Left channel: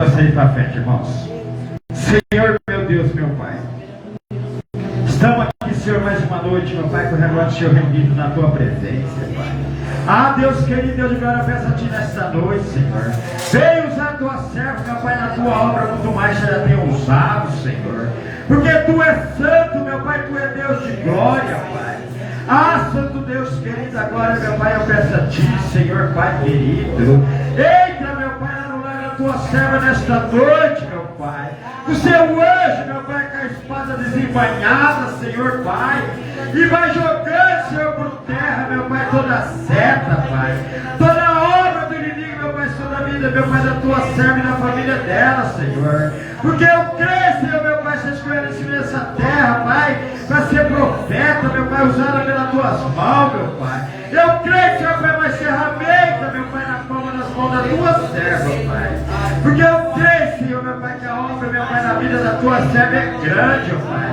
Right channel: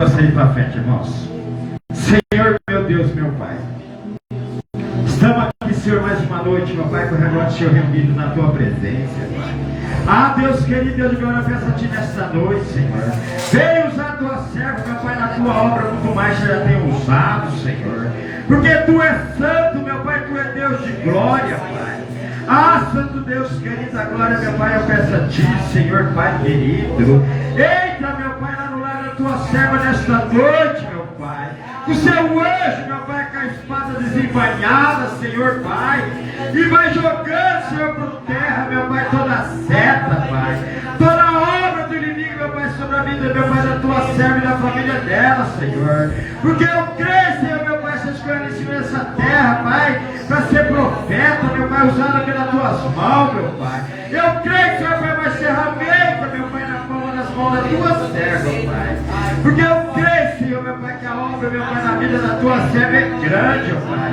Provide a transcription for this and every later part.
Ir para frente, irmãos. Senhor, meu Deus, meu Pai, estamos aqui, Senhor, mais uma noite, meu Pai, correndo ante o Senhor, reunido na Tua presença, Pai. Ah, Deus querido, Deus de glória, peço a Ti nesta noite, Senhor. Venha usar a Tua serva, meu Pai, na Tua obra, muito mais já tem usado, Senhor. Porque Tu és santo, meu Pai, Tu és Deus de glória, Pai. Ah, Santo Deus querido, a glória, meu Pai, eu peço a Ti, Senhor, Pai querido. Entra, meu Pai, lá no lar da Tua serva nesta noite, meu Pai. O Seu anjo, meu Pai, com a espada desembainhada, Senhor, Pai. E vai jogando, Senhor, por terra, meu Pai, toda a seta, Pai. Toda a obra do inimigo, meu Pai, sobre a vida, meu Pai, da Tua serva e da família dela, Senhor. Porque eu creio, Senhor, meu Pai, seja escolhendo em cima dessa terra, Pai, para ser profeta, meu Pai, usada pelas Tuas mãos, meu Pai. Eu creio que, Senhor, Pai, vai ser ferramenta, meu Pai, na palma das mãos da Tua serva, Pai. Porque eu creio, Senhor, meu Pai, que a obra, meu Pai, na vida da Tua serva é grande, meu Pai.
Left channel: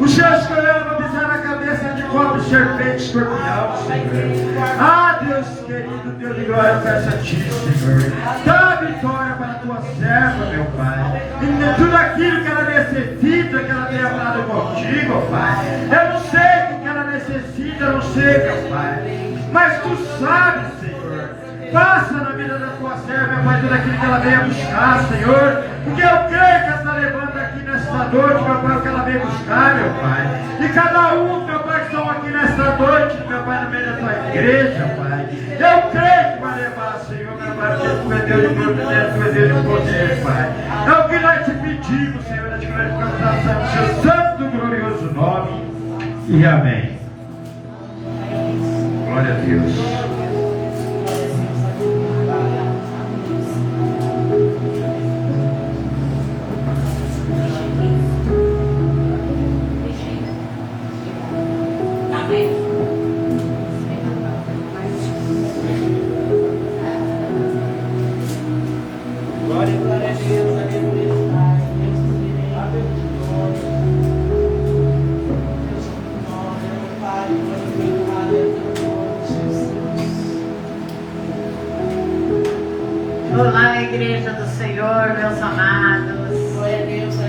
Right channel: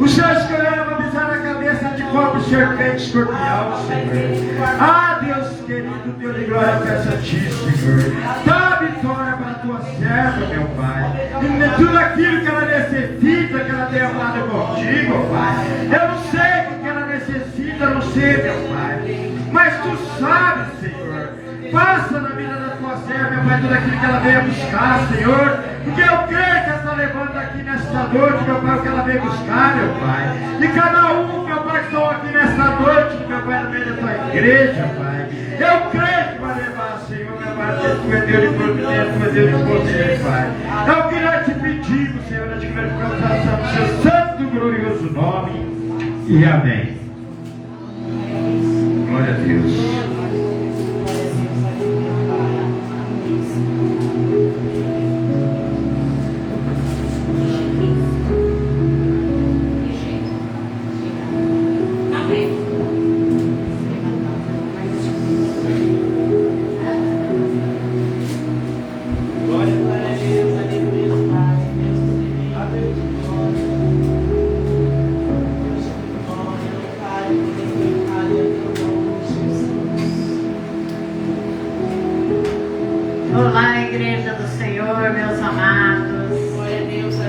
O Senhor escolheu uma pisar na cabeça de cobre, serpente, escorpião, Senhor. Ah, Deus querido, Deus de glória, eu peço a Ti, Senhor. Dá vitória para a Tua serva, meu Pai. E tudo aquilo que ela necessita, que ela tenha falado contigo, Pai. Eu não sei o que ela necessita, eu não sei, meu Pai. Mas Tu sabes, Senhor. Faça na vida da Tua serva, meu Pai, tudo aquilo que ela venha buscar, Senhor. Porque eu creio que ela está levando aqui nesta noite, meu Pai, o que ela veio buscar, meu Pai. E cada um, meu Pai, que estão aqui nesta noite, meu Pai, no meio da Tua igreja, Pai. Eu creio que vai levar, Senhor, meu Pai, porque Tu é Deus de providência, Tu é Deus de poder, Pai. É o que nós te pedimos, Senhor, nós te glorificamos no Seu santo e glorioso nome. E amém. Glória a Deus. Olá, igreja do Senhor, meus amados.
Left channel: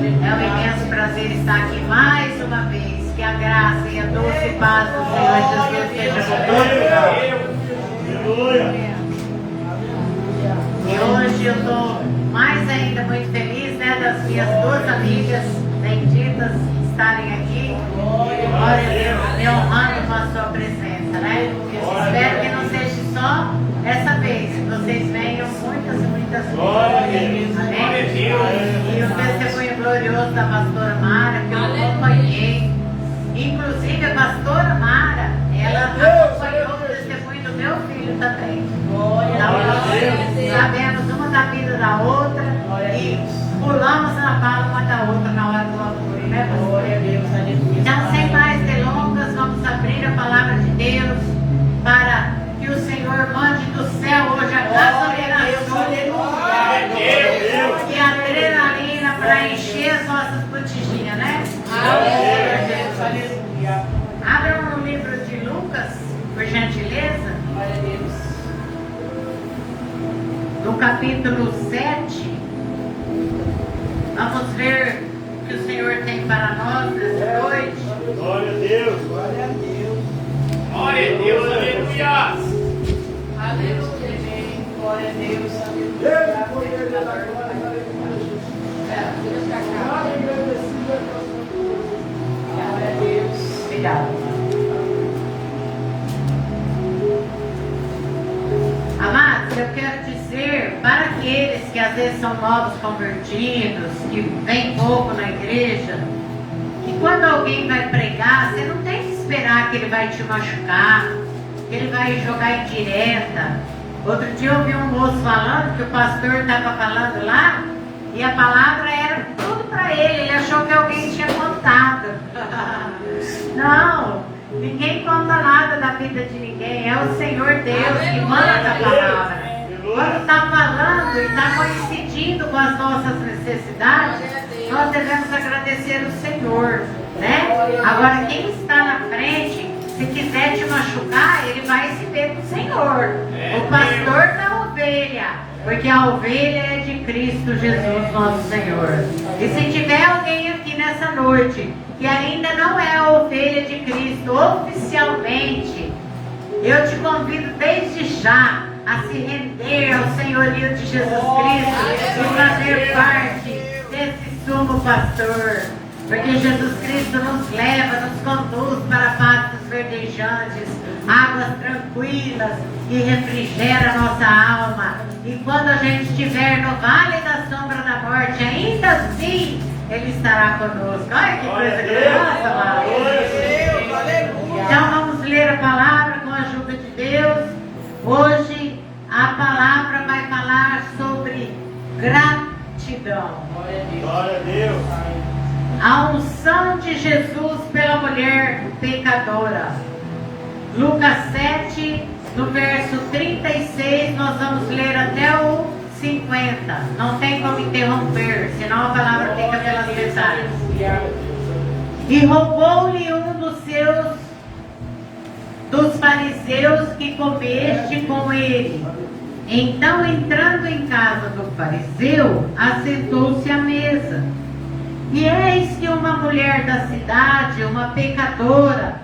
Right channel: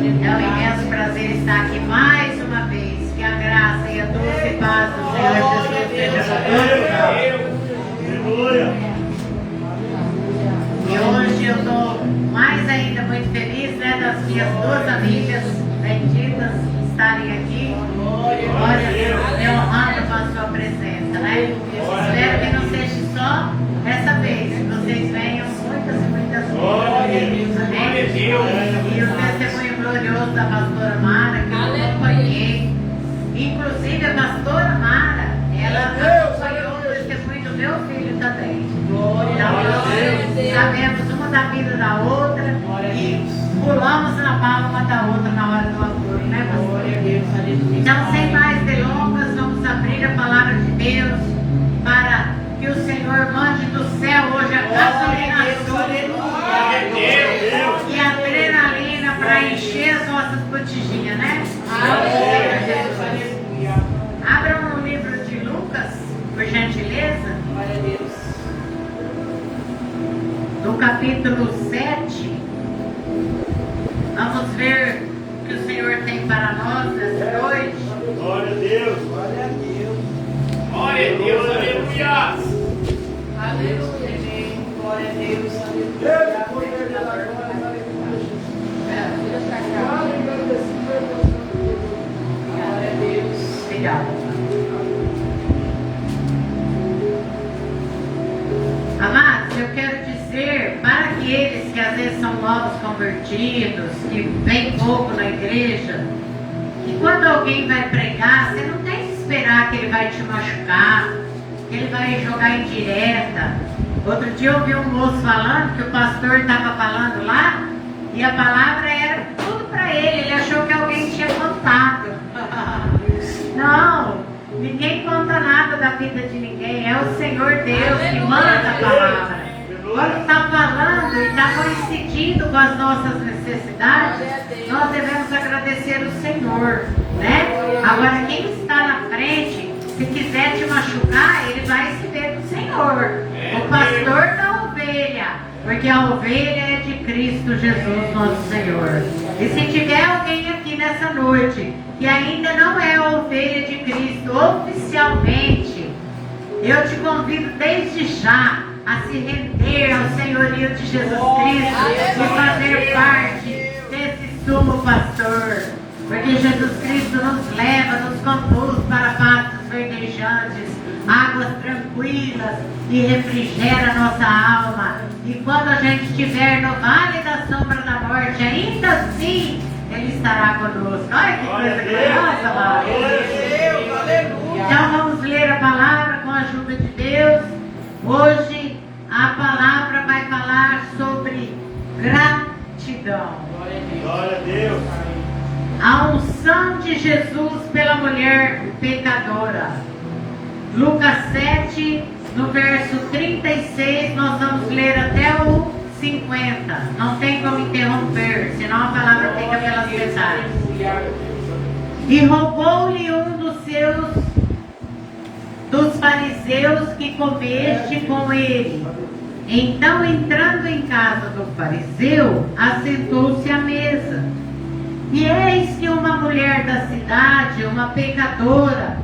É um imenso prazer estar aqui mais uma vez. Que a graça e a doce paz do Senhor Jesus esteja conosco. E hoje eu estou mais ainda muito feliz, né, das minhas duas amigas benditas estarem aqui. Glória a Deus, me honrando com a sua presença, né? Espero que não seja só essa vez, que vocês venham muitas e muitas vezes. Amém? E o testemunho glorioso da pastora Mara, que eu acompanhei. Inclusive a pastora Mara, ela acompanhou o testemunho do meu filho também. Então, sabemos uma da vida da outra e pulamos na bala uma da outra na hora do vapor, né, pastor? Então, sem mais delongas, vamos abrir a palavra de Deus para que o Senhor mande do céu hoje a gasolina e a adrenalina para encher as nossas botijinhas, né? Abra no livro de Lucas, por gentileza, do capítulo 7. Vamos ver o que o Senhor tem para nós nessa noite. Glória a Deus, glória a Deus. Glória a Deus, aleluia. Aleluia, glória a Deus. Obrigada. Amados, eu quero dizer para aqueles que às vezes são novos convertidos, que vêm pouco na igreja, que quando alguém vai pregar, você não tem que esperar que ele vai te machucar, que ele vai jogar indireta. Outro dia eu ouvi um moço falando que o pastor estava falando lá e a palavra era tudo para ele. Ele achou que alguém tinha contado. Não, ninguém conta nada da vida de ninguém. É o Senhor Deus que manda a palavra. Quando está falando e está coincidindo com as nossas necessidades, nós devemos agradecer o Senhor, né? Agora, quem está na frente, se quiser te machucar, ele vai se ver com o Senhor. O pastor da ovelha Porque a ovelha é de Cristo Jesus, nosso Senhor. E se tiver alguém aqui nessa noite que ainda não é a ovelha de Cristo oficialmente, eu te convido desde já a se render ao senhorio de Jesus Cristo e fazer parte desse sumo pastor. Porque Jesus Cristo nos leva, nos conduz para pastos verdejantes, águas tranquilas e refrigera nossa alma. E quando a gente estiver no vale da sombra da morte, ainda assim Ele estará conosco. Olha que coisa gloriosa, amado. Então vamos ler a palavra com a ajuda de Deus. Hoje a palavra vai falar sobre gratidão. Glória a Deus. A unção de Jesus pela mulher pecadora. Lucas 7, no verso 36, nós vamos ler até o 50. Não tem como interromper, senão a palavra fica pelas metades. E roubou-lhe um dos fariseus que comeste com ele. Então, entrando em casa do fariseu, assentou-se à mesa. E eis que uma mulher da cidade, uma pecadora,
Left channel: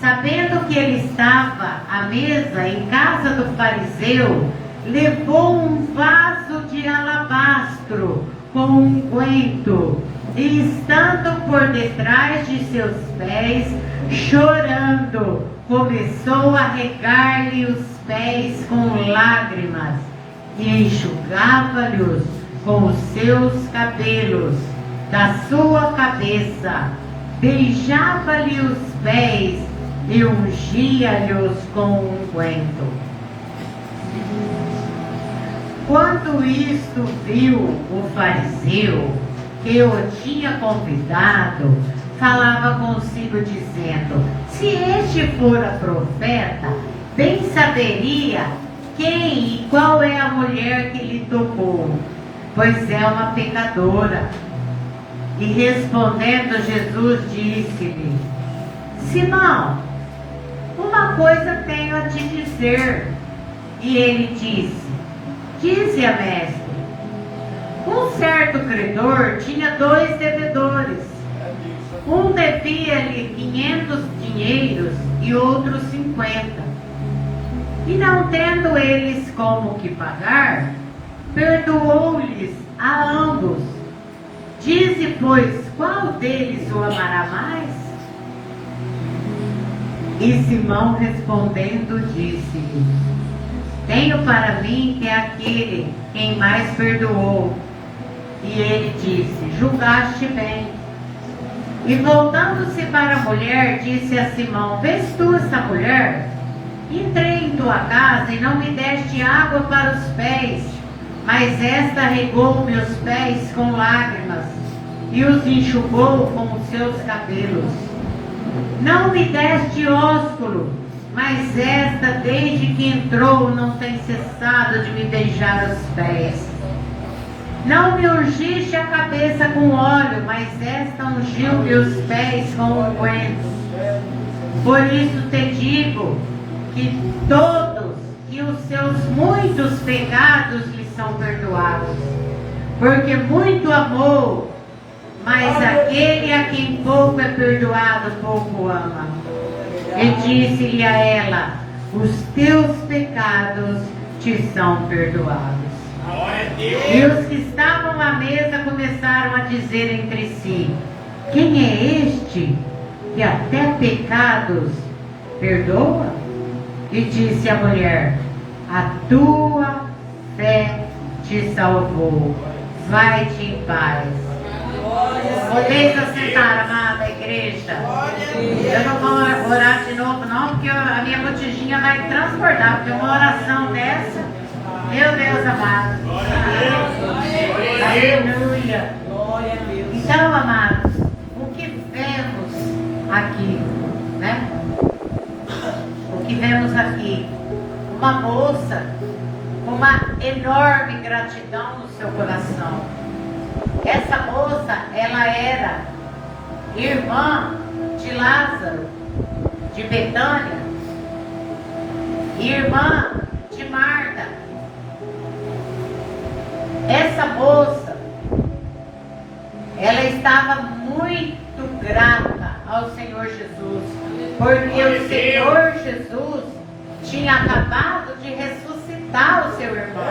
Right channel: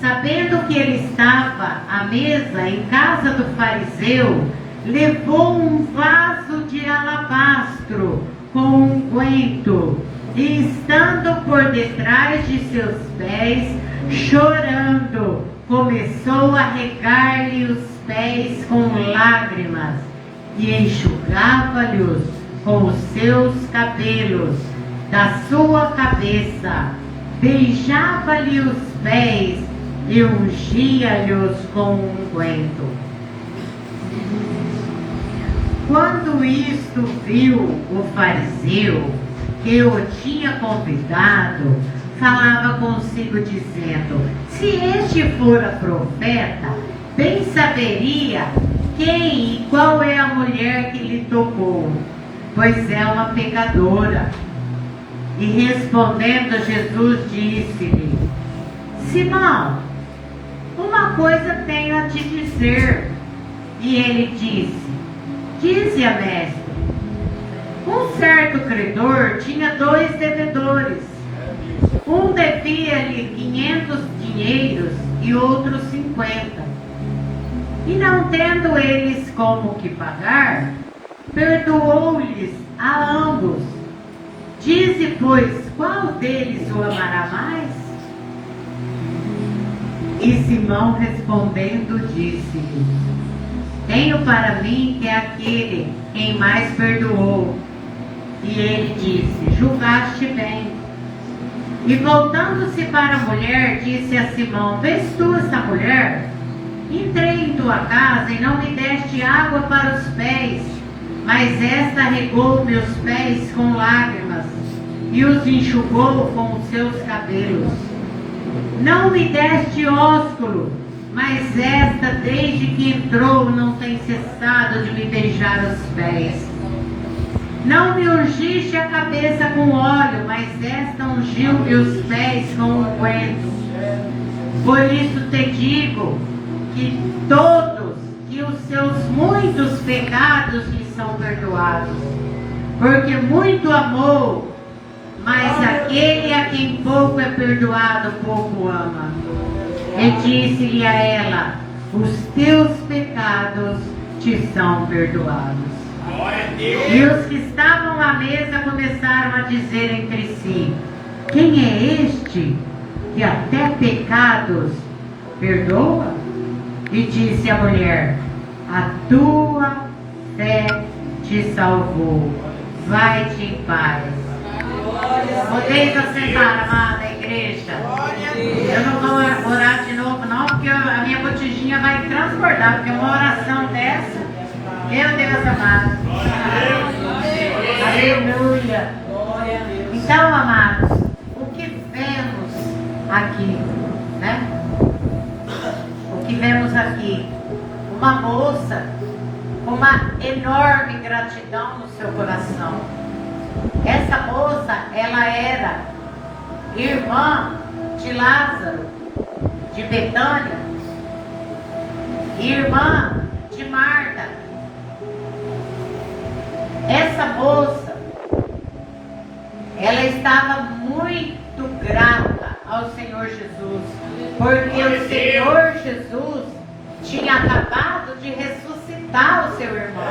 sabendo que ele estava à mesa em casa do fariseu, levou um vaso de alabastro com unguento, e estando por detrás de seus pés, chorando, começou a regar-lhe os pés com lágrimas, e enxugava-lhes com os seus cabelos da sua cabeça, beijava-lhe os pés e ungia-lhes com unguento. Quando isto viu o fariseu, que o tinha convidado, falava consigo dizendo: se este fora profeta, bem saberia quem e qual é a mulher que lhe tocou, pois é uma pecadora. E respondendo Jesus disse-lhe: Simão, uma coisa tenho a te dizer. E ele disse: dize-a, mestre. Um certo credor tinha 2 devedores. Um devia-lhe 500 dinheiros e outro 50. E não tendo eles como que pagar, perdoou-lhes a ambos. Dize, pois, qual deles o amará mais? E Simão respondendo disse-lhe: tenho para mim que é aquele quem mais perdoou. E ele disse: julgaste bem. E voltando-se para a mulher, disse a Simão: vês tu esta mulher? Entrei em tua casa e não me deste água para os pés, mas esta regou meus pés com lágrimas e os enxugou com os seus cabelos. Não me deste ósculo, mas esta, desde que entrou, não tem cessado de me beijar os pés. Não me ungiste a cabeça com óleo, mas esta ungiu meus pés com unguento. Por isso te digo que todos e os seus muitos pecados lhe são perdoados, porque muito amou, mas aquele a quem pouco é perdoado, pouco ama. E disse-lhe a ela: os teus pecados te são perdoados. E os que estavam à mesa começaram a dizer entre si: quem é este que até pecados perdoa? E disse a mulher: a tua fé te salvou, vai-te em paz. Podeis assentar, amada igreja. Eu não vou orar de novo não, porque a minha botijinha vai transbordar, porque uma oração dessa, meu Deus amado. Aleluia. Então, amados, o que vemos aqui, né? O que vemos aqui? Uma moça com uma enorme gratidão no seu coração. Essa moça, ela era irmã de Lázaro, de Betânia, irmã de Marta. essa moça, ela estava muito grata ao Senhor Jesus, porque o Senhor Jesus tinha acabado de ressuscitar o seu irmão.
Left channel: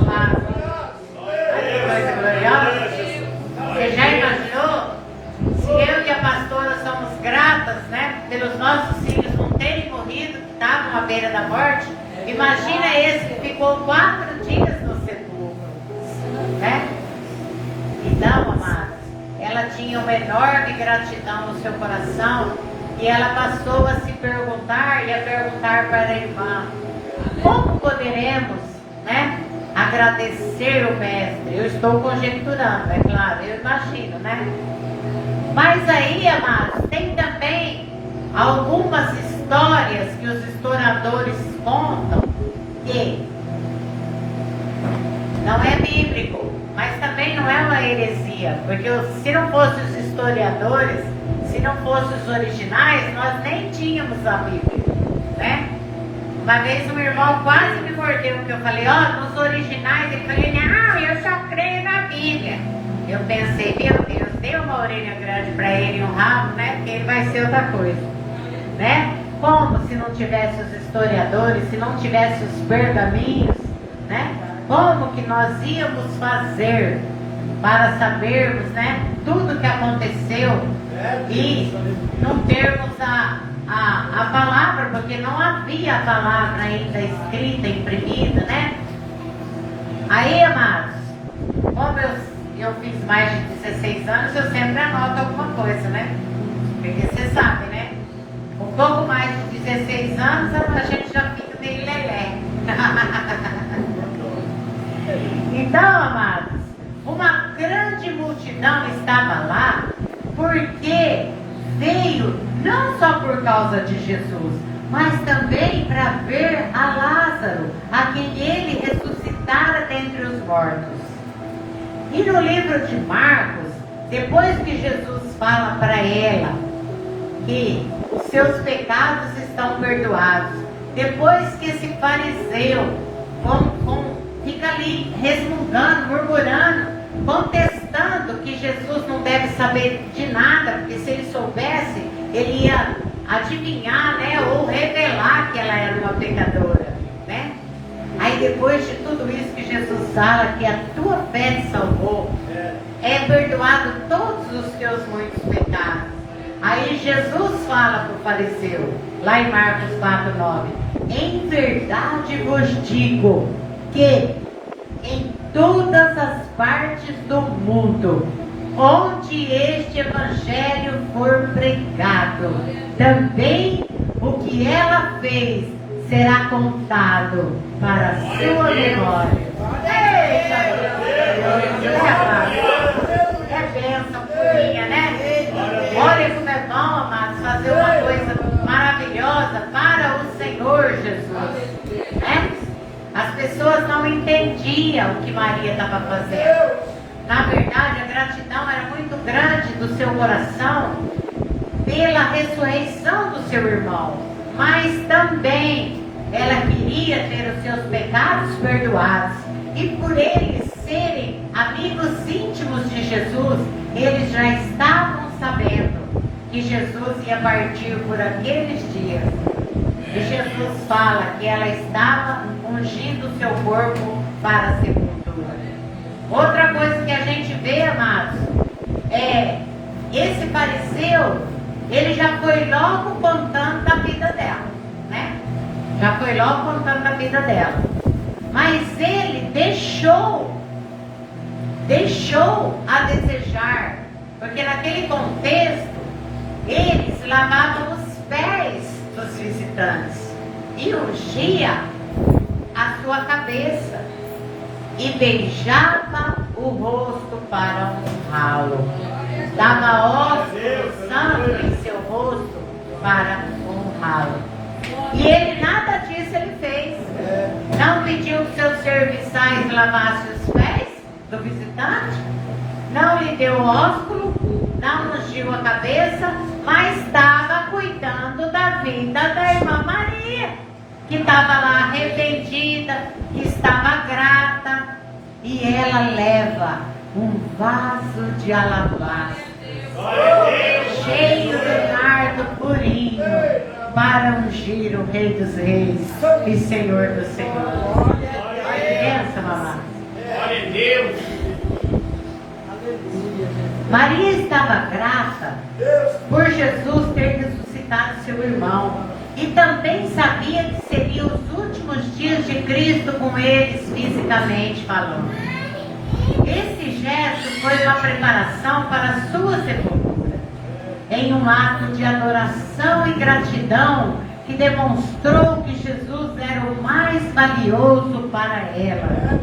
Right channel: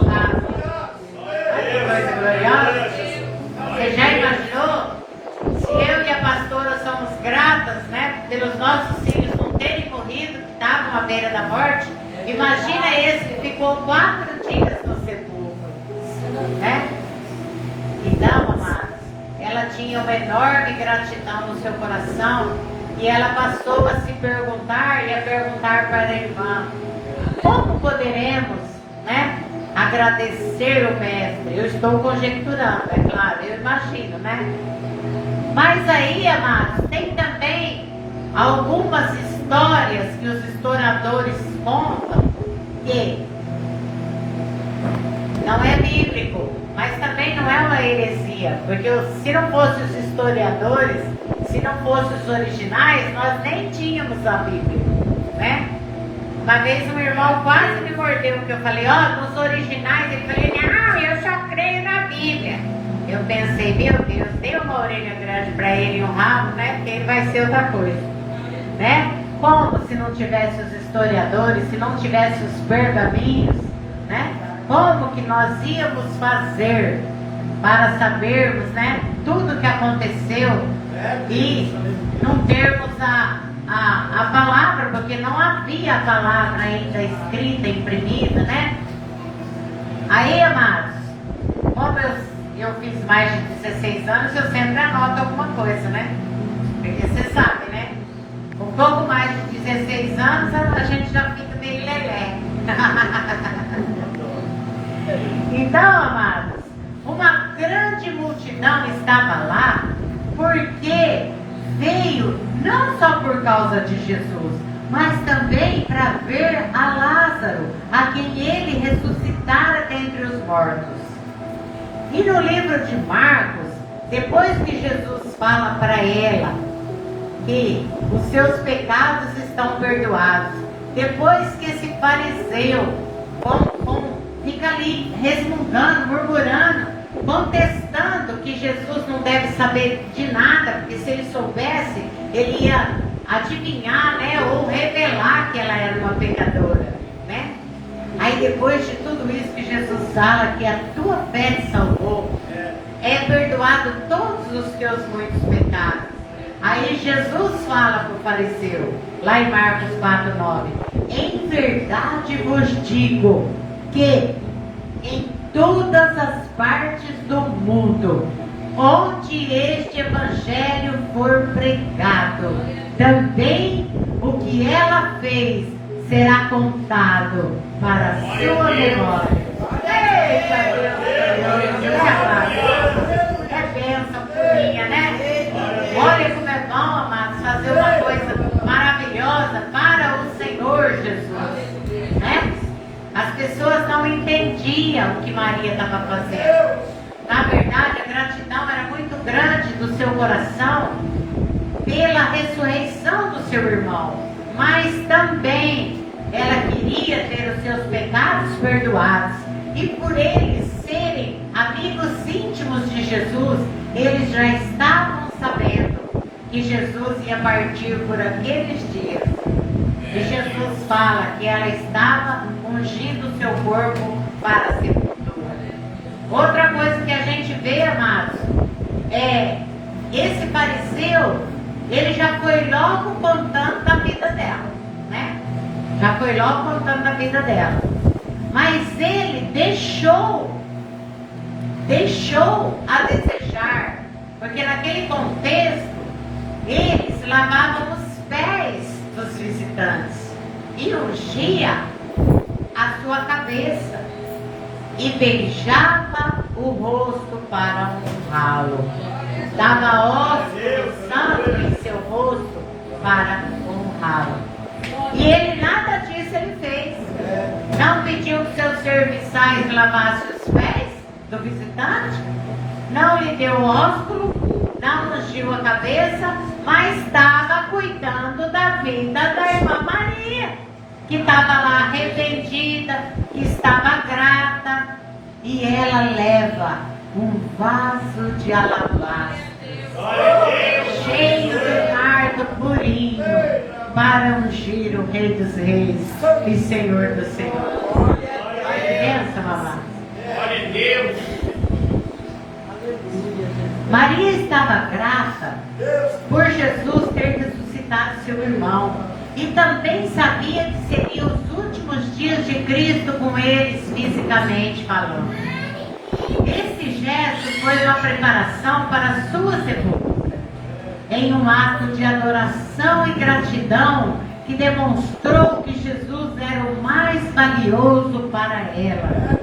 Amado. Coisa gloriosa. Você já imaginou? Se eu e a pastora somos gratas, né, pelos nossos filhos não terem morrido, que estavam à beira da morte, imagina esse que ficou 4 dias no sepulcro, né? Então, amados, ela tinha uma enorme gratidão no seu coração e ela passou a se perguntar e a perguntar para a irmã: como poderemos, né, agradecer o mestre? Eu estou conjecturando, é claro, eu imagino, né? Mas aí, amados, tem também algumas histórias que os historiadores contam que não é bíblico, mas também não é uma heresia, porque se não fossem os historiadores, se não fossem os originais, nós nem tínhamos a Bíblia, né? Uma vez um irmão quase me mordeu, porque eu falei, nos originais, ele falou, não, eu só creio na Bíblia. Eu pensei, meu Deus, dê uma orelha grande para ele e um rabo, né? Porque ele vai ser outra coisa, né? Como se não tivesse os historiadores, se não tivesse os pergaminhos, né? Como que nós íamos fazer para sabermos, né, tudo que aconteceu e não termos a palavra, porque não havia a palavra ainda escrita, imprimida, né? Aí, amados, como eu fiz mais de 16 anos, eu sempre anoto alguma coisa, né? Porque você sabe, né? Um pouco mais de 16 anos, a gente já fica meio lelé. Então, amados, uma grande multidão estava lá porque veio não só por causa de Jesus, mas também para ver a Lázaro, a quem ele ressuscitara dentre os mortos. E no livro de Marcos, depois que Jesus fala para ela que os seus pecados estão perdoados, depois que esse fariseu fica ali resmungando, murmurando, contestando que Jesus não deve saber de nada, porque se ele soubesse, ele ia adivinhar, né, ou revelar que ela era uma pecadora, né? Aí depois de tudo isso que Jesus fala, que a tua fé te salvou, é perdoado todos os teus muitos pecados. Aí Jesus fala para o fariseu, lá em Marcos 4:9, em verdade vos digo que em todas as partes do mundo, onde este evangelho for pregado, também o que ela fez será contado para a sua memória. É bênção minha, né? Olha como é bom, amados, fazer uma coisa maravilhosa para o Senhor Jesus, né? As pessoas não entendiam o que Maria estava fazendo. Na verdade, a gratidão era muito grande do seu coração pela ressurreição do seu irmão, mas também ela queria ter os seus pecados perdoados. E por eles serem amigos íntimos de Jesus, eles já estavam sabendo que Jesus ia partir por aqueles dias. E Jesus fala que ela estava ungindo o seu corpo para a sepultura. Outra coisa que a gente vê, amados, é esse fariseu, ele já foi logo contando da vida dela, né? Já foi logo contando da vida dela. Mas ele deixou a desejar, porque naquele contexto, eles lavavam os pés dos visitantes e ungia a sua cabeça e beijava o rosto para honrá-lo. Dava ósculo santo em seu rosto para honrá-lo. E ele nada disso ele fez. Não pediu que seus serviçais lavassem os pés do visitante, não lhe deu ósculo, não ungiu a cabeça, mas estava cuidando da vida da irmã Maria, que estava lá arrependida, que estava grata, e ela leva um vaso de alabastro, cheio de nardo purinho, para ungir o Rei dos Reis e Senhor dos Senhores. Pensa, mamãe. Maria estava grata por Jesus ter ressuscitado seu irmão e também sabia que seriam os últimos dias de Cristo com eles, fisicamente falando. Esse gesto foi uma preparação para a sua sepultura, em um ato de adoração e gratidão que demonstrou que Jesus era o mais valioso para ela.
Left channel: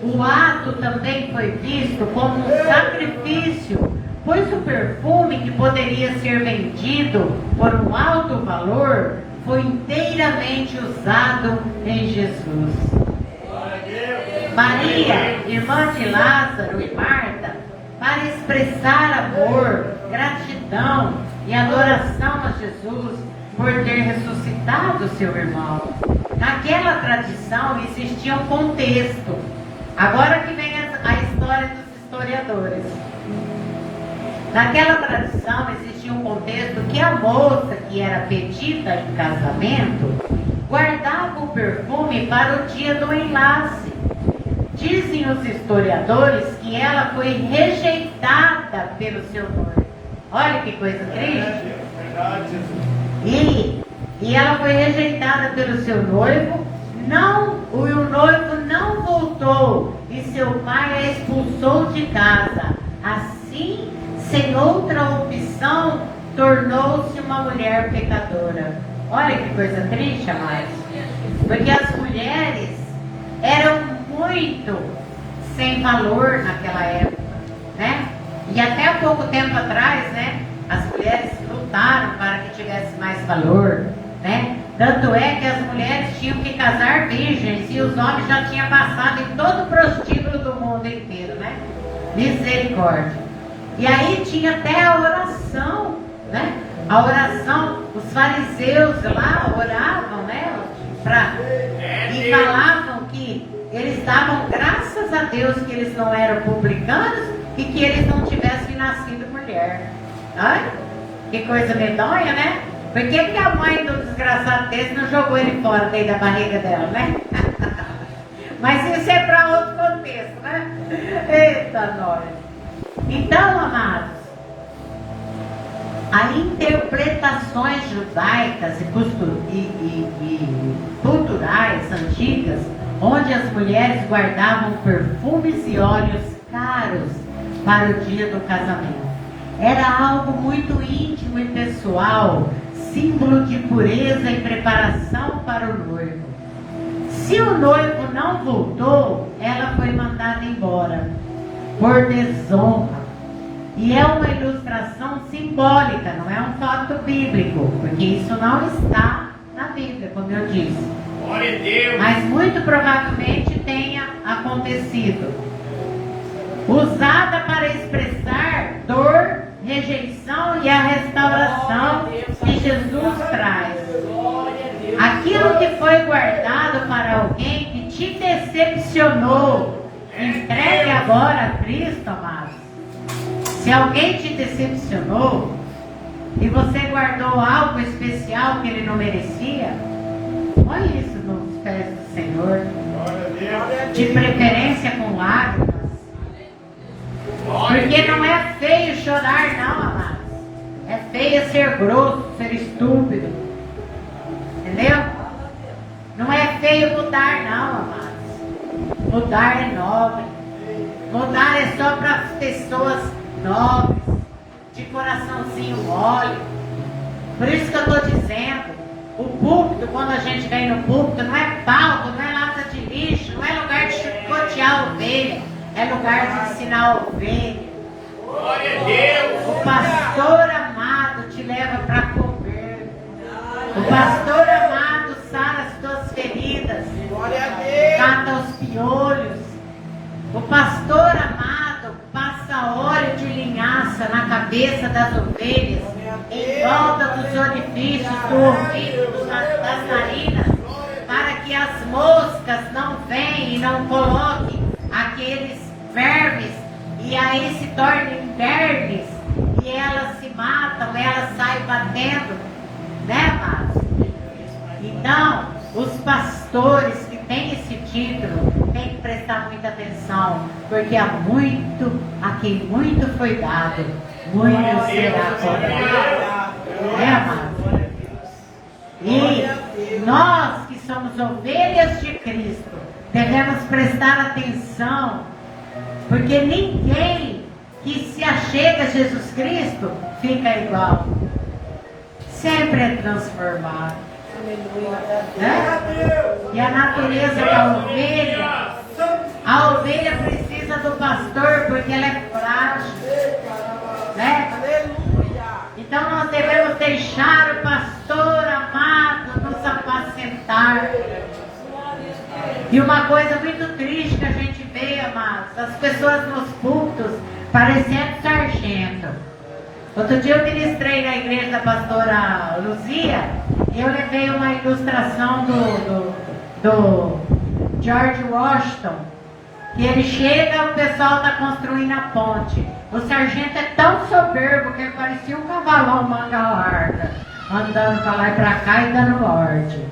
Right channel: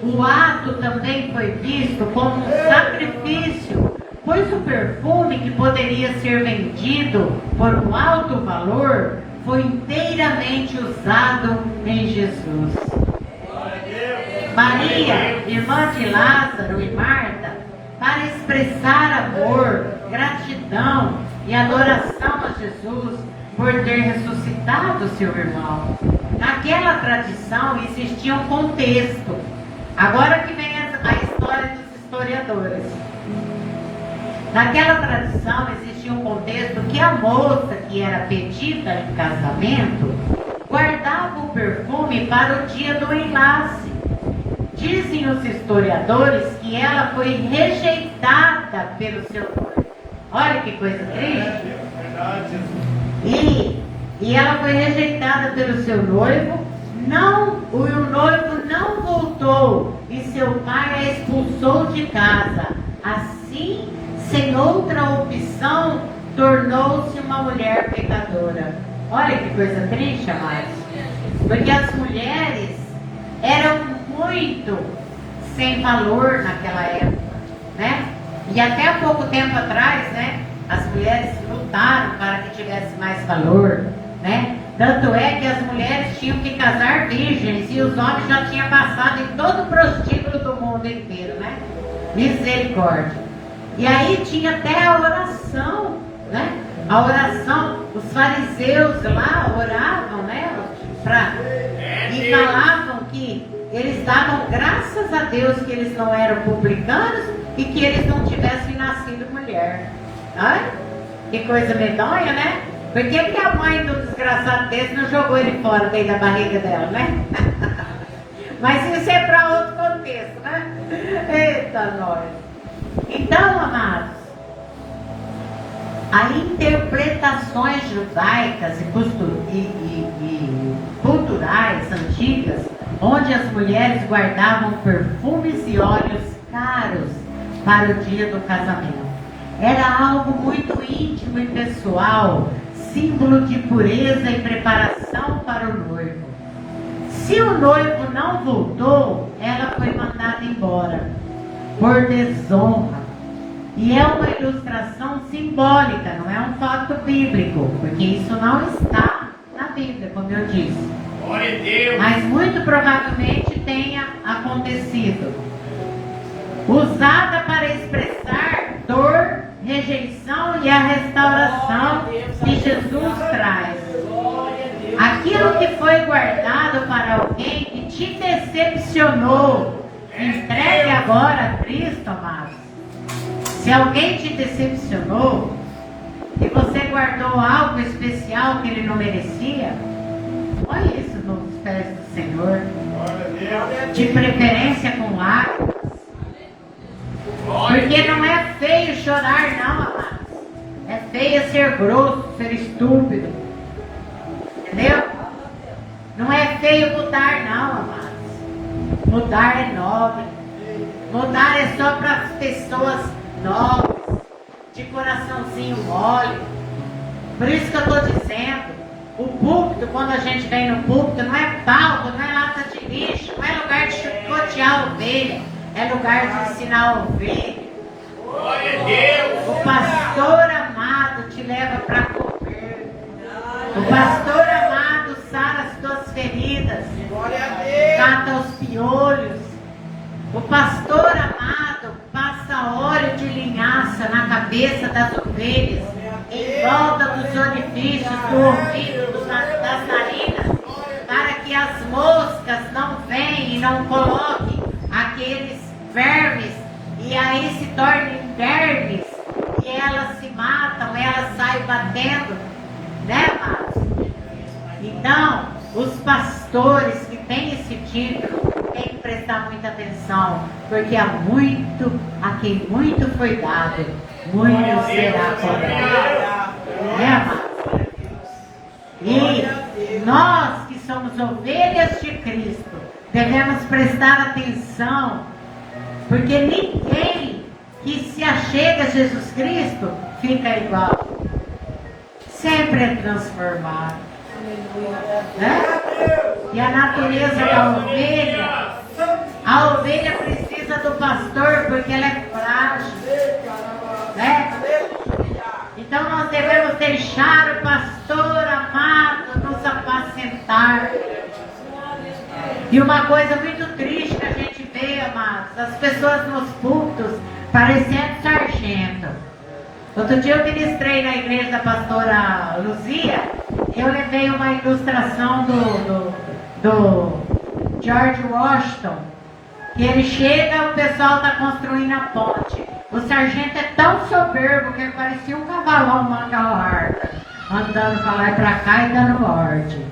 O ato também foi visto como um sacrifício, pois o perfume que poderia ser vendido por um alto valor foi inteiramente usado em Jesus. Maria, irmã de Lázaro e Marta, para expressar amor, gratidão e adoração a Jesus por ter ressuscitado seu irmão. Naquela tradição existia um contexto. Agora que vem a história dos historiadores. Naquela tradição existia um contexto que a moça que era pedida em casamento guardava o perfume para o dia do enlace. Dizem os historiadores que ela foi rejeitada pelo seu noivo. Olha que coisa triste. E ela foi rejeitada pelo seu noivo. O noivo não voltou e seu pai a expulsou de casa. Assim, sem outra opção, tornou-se uma mulher pecadora. Olha que coisa triste, amados. Porque as mulheres eram muito sem valor naquela época, né? E até há pouco tempo atrás, né? As mulheres lutaram para que tivesse mais valor, né? Tanto é que as mulheres tinham que casar virgens e os homens já tinham passado em todo o prostíbulo do mundo inteiro, né? Misericórdia. E aí tinha até a oração, né? A oração, os fariseus lá oravam, né? E falavam que eles davam graças a Deus que eles não eram publicanos e que eles não tivessem nascido mulher. Ai, que coisa medonha, né? Por que a mãe do desgraçado desse não jogou ele fora daí da barriga dela, né? Mas isso é para outro contexto, né? Eita, nós. Então, amados, as interpretações judaicas e culturais antigas, onde as mulheres guardavam perfumes e óleos caros para o dia do casamento, era algo muito íntimo e pessoal, símbolo de pureza e preparação para o noivo. Se o noivo não voltou, ela foi mandada embora por desonra. E é uma ilustração simbólica, não é um fato bíblico, porque isso não está na Bíblia, como eu disse. Mas muito provavelmente tenha acontecido. Usada para expressar dor, rejeição e a restauração que Jesus traz. Aquilo que foi guardado para alguém que te decepcionou, entregue agora a Cristo, amados. Se alguém te decepcionou e você guardou algo especial que ele não merecia, olha isso nos pés do Senhor, de preferência com lágrimas. Porque não é feio chorar, não, amados. É feio ser grosso, ser estúpido. Entendeu? Não é feio mudar, não, amados. Mudar é nobre. Mudar é só para pessoas nobres, de coraçãozinho mole. Por isso que eu estou dizendo, o púlpito, quando a gente vem no púlpito, não é palco, não é lata de lixo, não é lugar de chicotear a ovelha, é lugar de ensinar a ovelha. O pastor amado te leva para comer. O pastor amado sara as tuas feridas, mata os piolhos. O pastor amado passa óleo de linhaça na cabeça das ovelhas, em volta dos orifícios do ouvido das narinas, para que as moscas não venham e não coloquem e aí se tornam vermes, e elas se matam, elas saem batendo, né, amados? Então, os pastores que têm esse título têm que prestar muita atenção, porque a quem muito foi dado, muito será cobrado. Né, amados? E nós que somos ovelhas de Cristo, devemos prestar atenção, porque ninguém que se achega a Jesus Cristo fica igual. Sempre é transformado. Né? E a natureza da ovelha, a ovelha precisa do pastor porque ela é frágil. Né? Então nós devemos deixar o pastor amado nos apacentar. E uma coisa muito triste que a gente vê, amados, as pessoas nos cultos parecendo sargento. Outro dia eu ministrei na igreja da pastora Luzia, eu levei uma ilustração do George Washington, que ele chega e o pessoal está construindo a ponte. O sargento é tão soberbo que ele parecia um cavalão manga larga, andando para lá e para cá e dando ordem.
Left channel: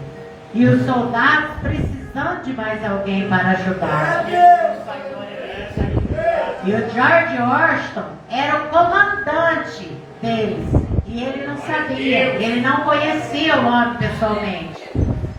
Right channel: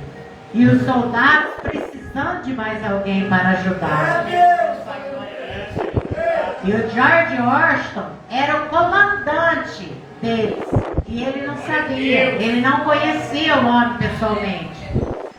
E os soldados precisando de mais alguém para ajudar. E o George Washington era o comandante deles. E ele não sabia, ele não conhecia o homem pessoalmente.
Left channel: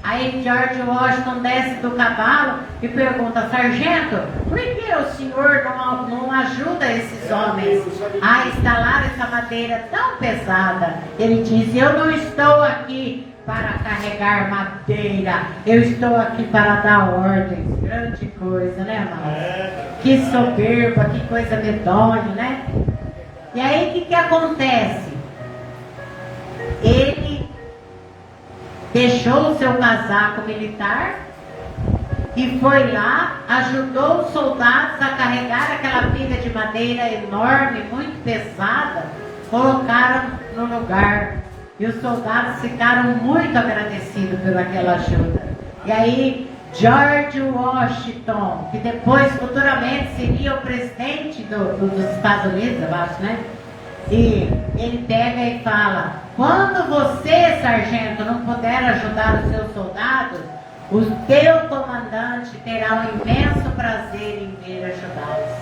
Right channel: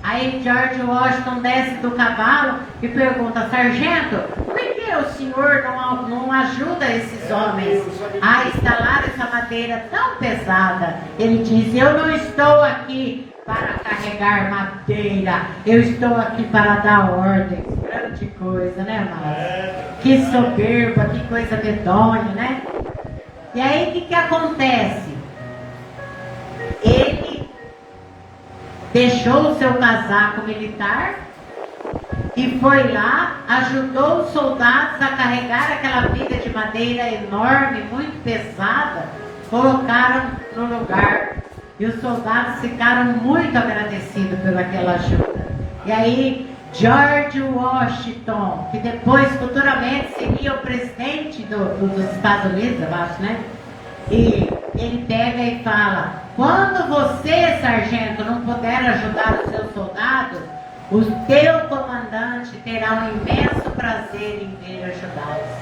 Aí George Washington desce do cavalo e pergunta: sargento, por que o senhor não ajuda esses homens a instalar essa madeira tão pesada? Ele diz: eu não estou aqui para carregar madeira, eu estou aqui para dar ordens. Grande coisa, né, Márcio? Que soberba, que coisa medonha, né? E aí o que acontece? Ele deixou o seu casaco militar e foi lá, ajudou os soldados a carregar aquela pilha de madeira enorme, muito pesada, colocaram no lugar. E os soldados ficaram muito agradecidos pelaquela ajuda. E aí, George Washington, que depois, futuramente, seria o presidente dos Estados Unidos, eu acho, né? E ele pega e fala: quando você, sargento, não puder ajudar os seus soldados, o teu comandante terá um imenso prazer em vir ajudá-los.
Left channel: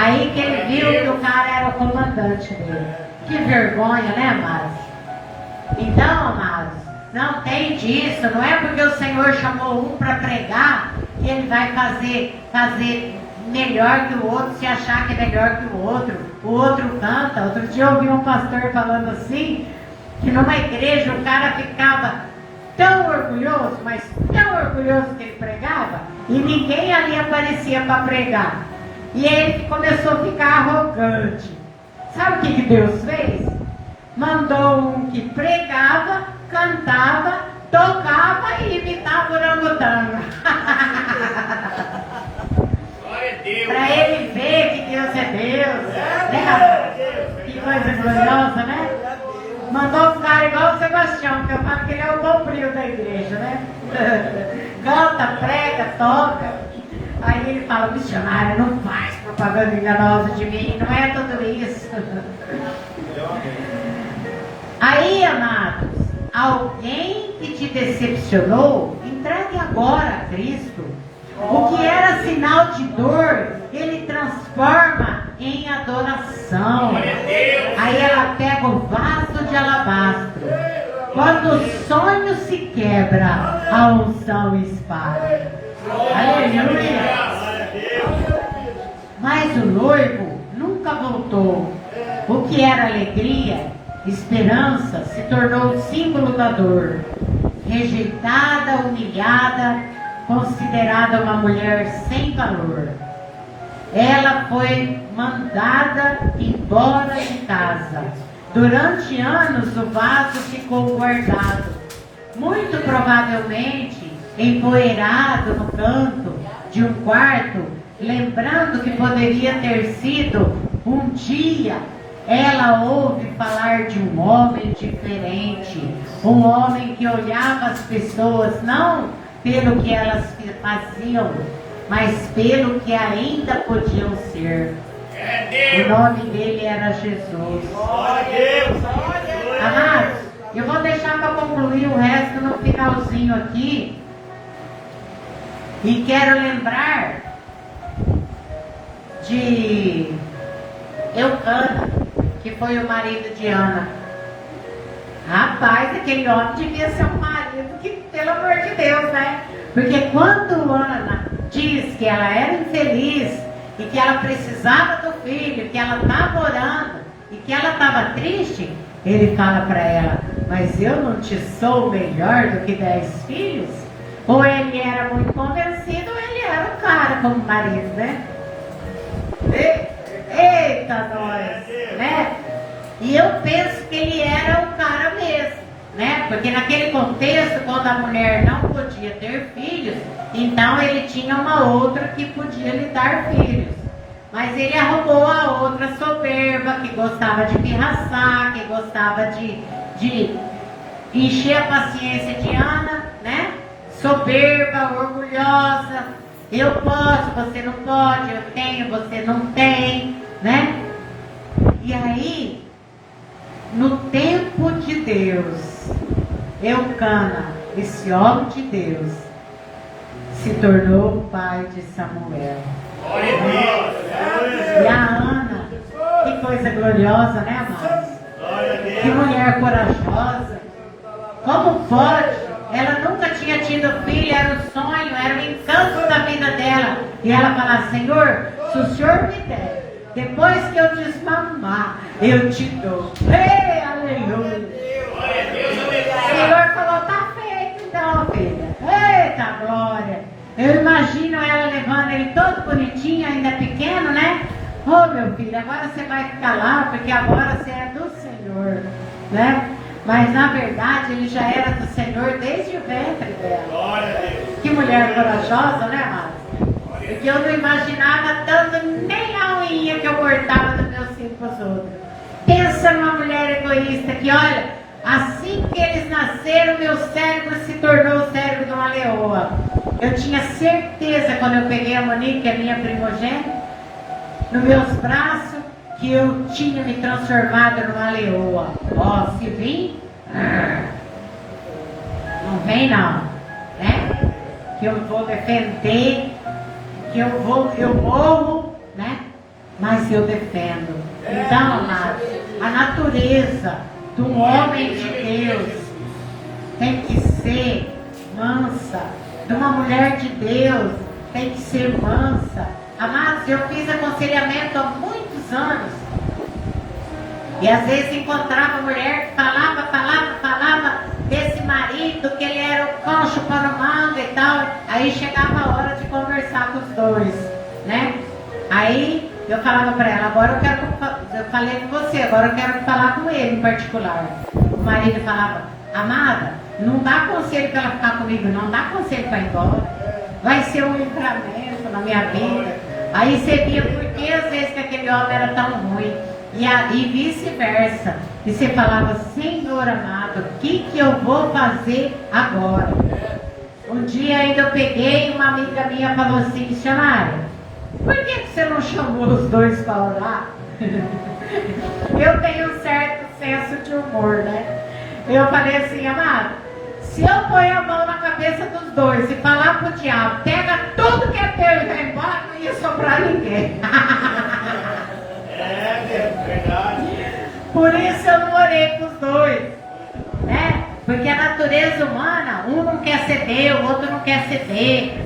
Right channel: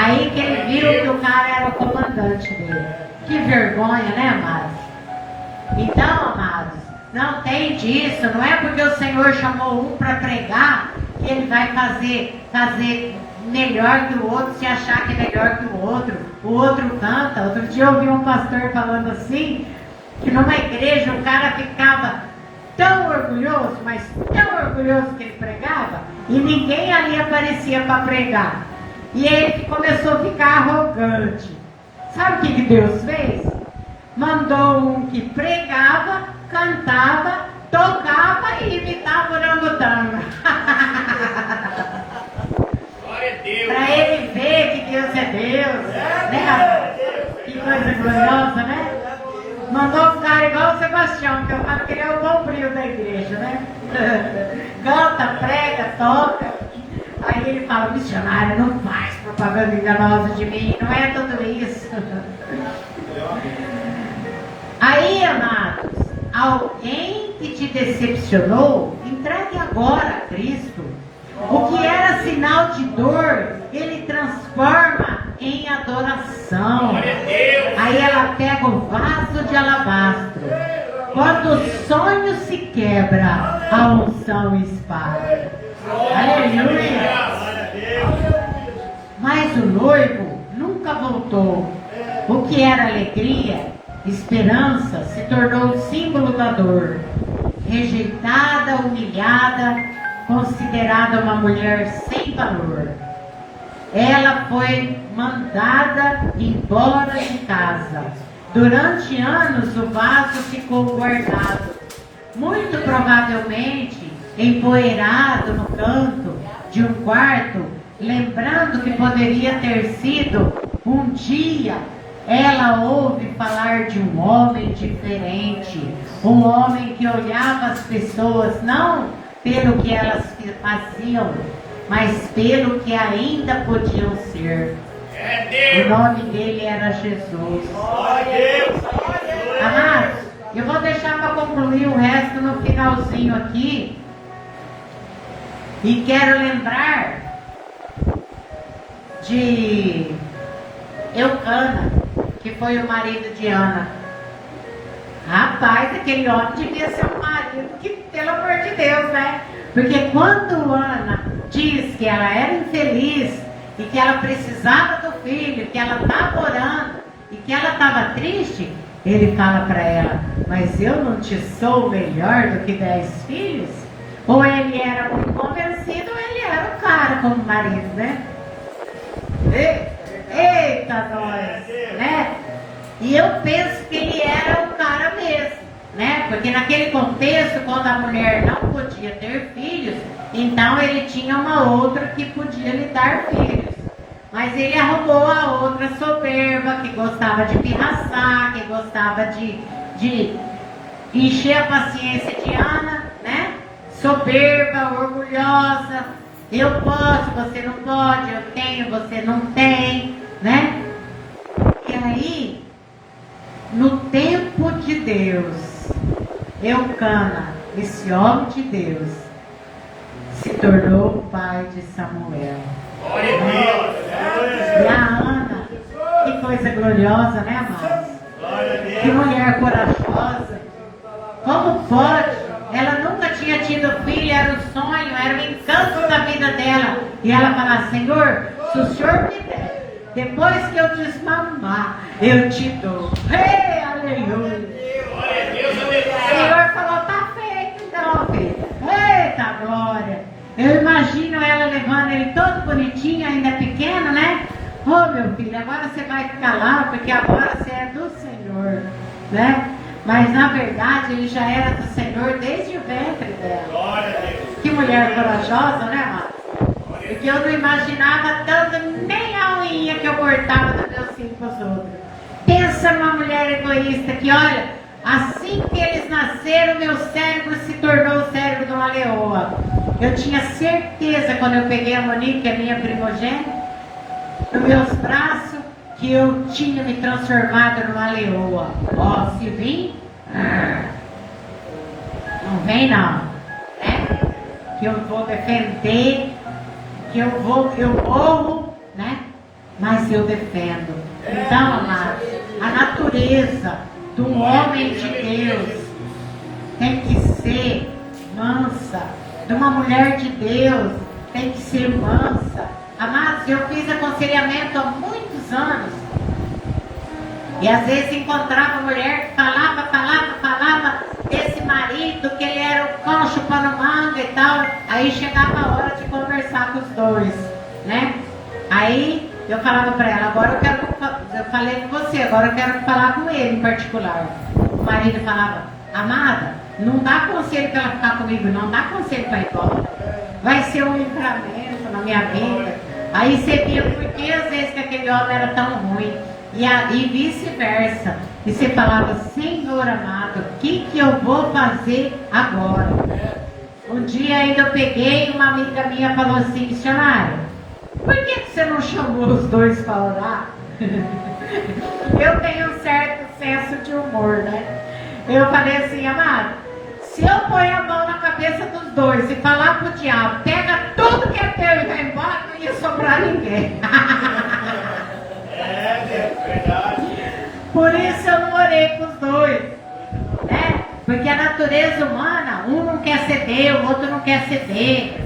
Aí que ele viu que o cara era o comandante dele. Que vergonha, né, Márcio? Então, amados, não tem disso. Não é porque o Senhor chamou um para pregar que ele vai fazer melhor que o outro, se achar que é melhor que o outro. O outro canta. Outro dia eu ouvi um pastor falando assim, que numa igreja o cara ficava tão orgulhoso, mas tão orgulhoso que ele pregava, e ninguém ali aparecia para pregar. E aí ele começou a ficar arrogante. Sabe o que Deus fez? Mandou um que pregava, cantava, tocava e imitava orangotango. Para ele ver que Deus é Deus. Né? Que coisa gloriosa, né? Mandou um cara igual o Sebastião, que eu falo que ele é o bombril da igreja, né? Canta, prega, toca. Aí ele fala: missionária, não faz propaganda enganosa de mim, não é tudo isso. Aí, amados, alguém que te decepcionou, entregue agora a Cristo. O que era sinal de dor, ele transforma em adoração. Aí ela pega o vaso de alabastro. Quando o sonho se quebra, a unção espalha. Aleluia! Mas o noivo nunca voltou. O que era alegria, esperança, se tornou símbolo da dor. Rejeitada, humilhada, considerada uma mulher sem valor. Ela foi mandada embora de casa. Durante anos o vaso ficou guardado, muito provavelmente empoeirado no canto de um quarto, lembrando que poderia ter sido um dia. Ela ouve falar de um homem diferente, um homem que olhava as pessoas não pelo que elas faziam, mas pelo que ainda podiam ser. O nome dele era Jesus. Amados, eu vou deixar para concluir o resto no finalzinho aqui. E quero lembrar de Eucana, que foi o marido de Ana. Rapaz, aquele homem devia ser um marido que, pelo amor de Deus, né? Porque quando Ana diz que ela era infeliz e que ela precisava do filho, que ela estava orando e que ela estava triste, ele fala para ela: mas eu não te sou melhor do que 10 filhos? Ou ele era muito convencido, ou ele era o cara como marido, né? Eita, nós, né? E eu penso que ele era o cara mesmo, né? Porque naquele contexto, quando a mulher não podia ter filhos, então ele tinha uma outra que podia lhe dar filhos. Mas ele arrumou a outra soberba, que gostava de pirraçar, que gostava de encher a paciência de Ana, né? Soberba, orgulhosa. Eu posso, você não pode, eu tenho, você não tem, né? E aí, no tempo de Deus, Eucana, esse homem de Deus, se tornou o pai de Samuel. E a Ana, que coisa gloriosa, né, amados? Que mulher corajosa. Como pode? Ela nunca tinha tido filho, era um sonho, era um encanto da vida dela. E ela fala: Senhor, se o Senhor me der, depois que eu desmamar, eu te dou. Ei, aleluia. O Senhor falou: tá feito então, filha. Eita glória. Eu imagino ela levando ele todo bonitinho, ainda pequeno, né? Ô meu filho, agora você vai ficar lá, porque agora você é do Senhor, né? Mas na verdade ele já era do Senhor desde o ventre dela. Que mulher corajosa, né, amado? Porque eu não imaginava tanto nem a unha que eu cortava dos meus filhos para os outros. Pensa numa mulher egoísta que, olha, assim que eles nasceram, meu cérebro se tornou o cérebro de uma leoa. Eu tinha certeza, quando eu peguei a Monique, a minha primogênita, nos meus braços, que eu tinha me transformado numa leoa. Ó, se vir, não vem não, né? Que eu vou defender, que eu morro, né? Mas eu defendo. Então, amados, a natureza do homem de Deus tem que ser mansa, de uma mulher de Deus tem que ser mansa. Amados, eu fiz aconselhamento há muitos anos. E às vezes encontrava mulher que falava desse marido, que ele era o cão chupando manga e tal. Aí chegava a hora de conversar com os dois, né? Aí eu falava para ela: agora eu falei com você, agora eu quero falar com ele em particular. O marido falava: amada, não dá conselho para ela ficar comigo, não dá conselho para ir embora. Vai ser um livramento na minha vida. Aí você via por que às vezes que aquele homem era tão ruim. E vice-versa. E você falava: Senhor amado, o que eu vou fazer agora? Um dia ainda eu peguei, uma amiga minha falou assim: missionária, por que você não chamou os dois para orar? Eu tenho um certo senso de humor, né? Eu falei assim: amado, se eu ponho a mão na cabeça dos dois e falar pro diabo, pega tudo que é teu e vai embora, não ia sobrar ninguém. É verdade. Por isso eu não orei com os dois, né? Porque a natureza humana, um não quer ceder, o outro não quer ceder.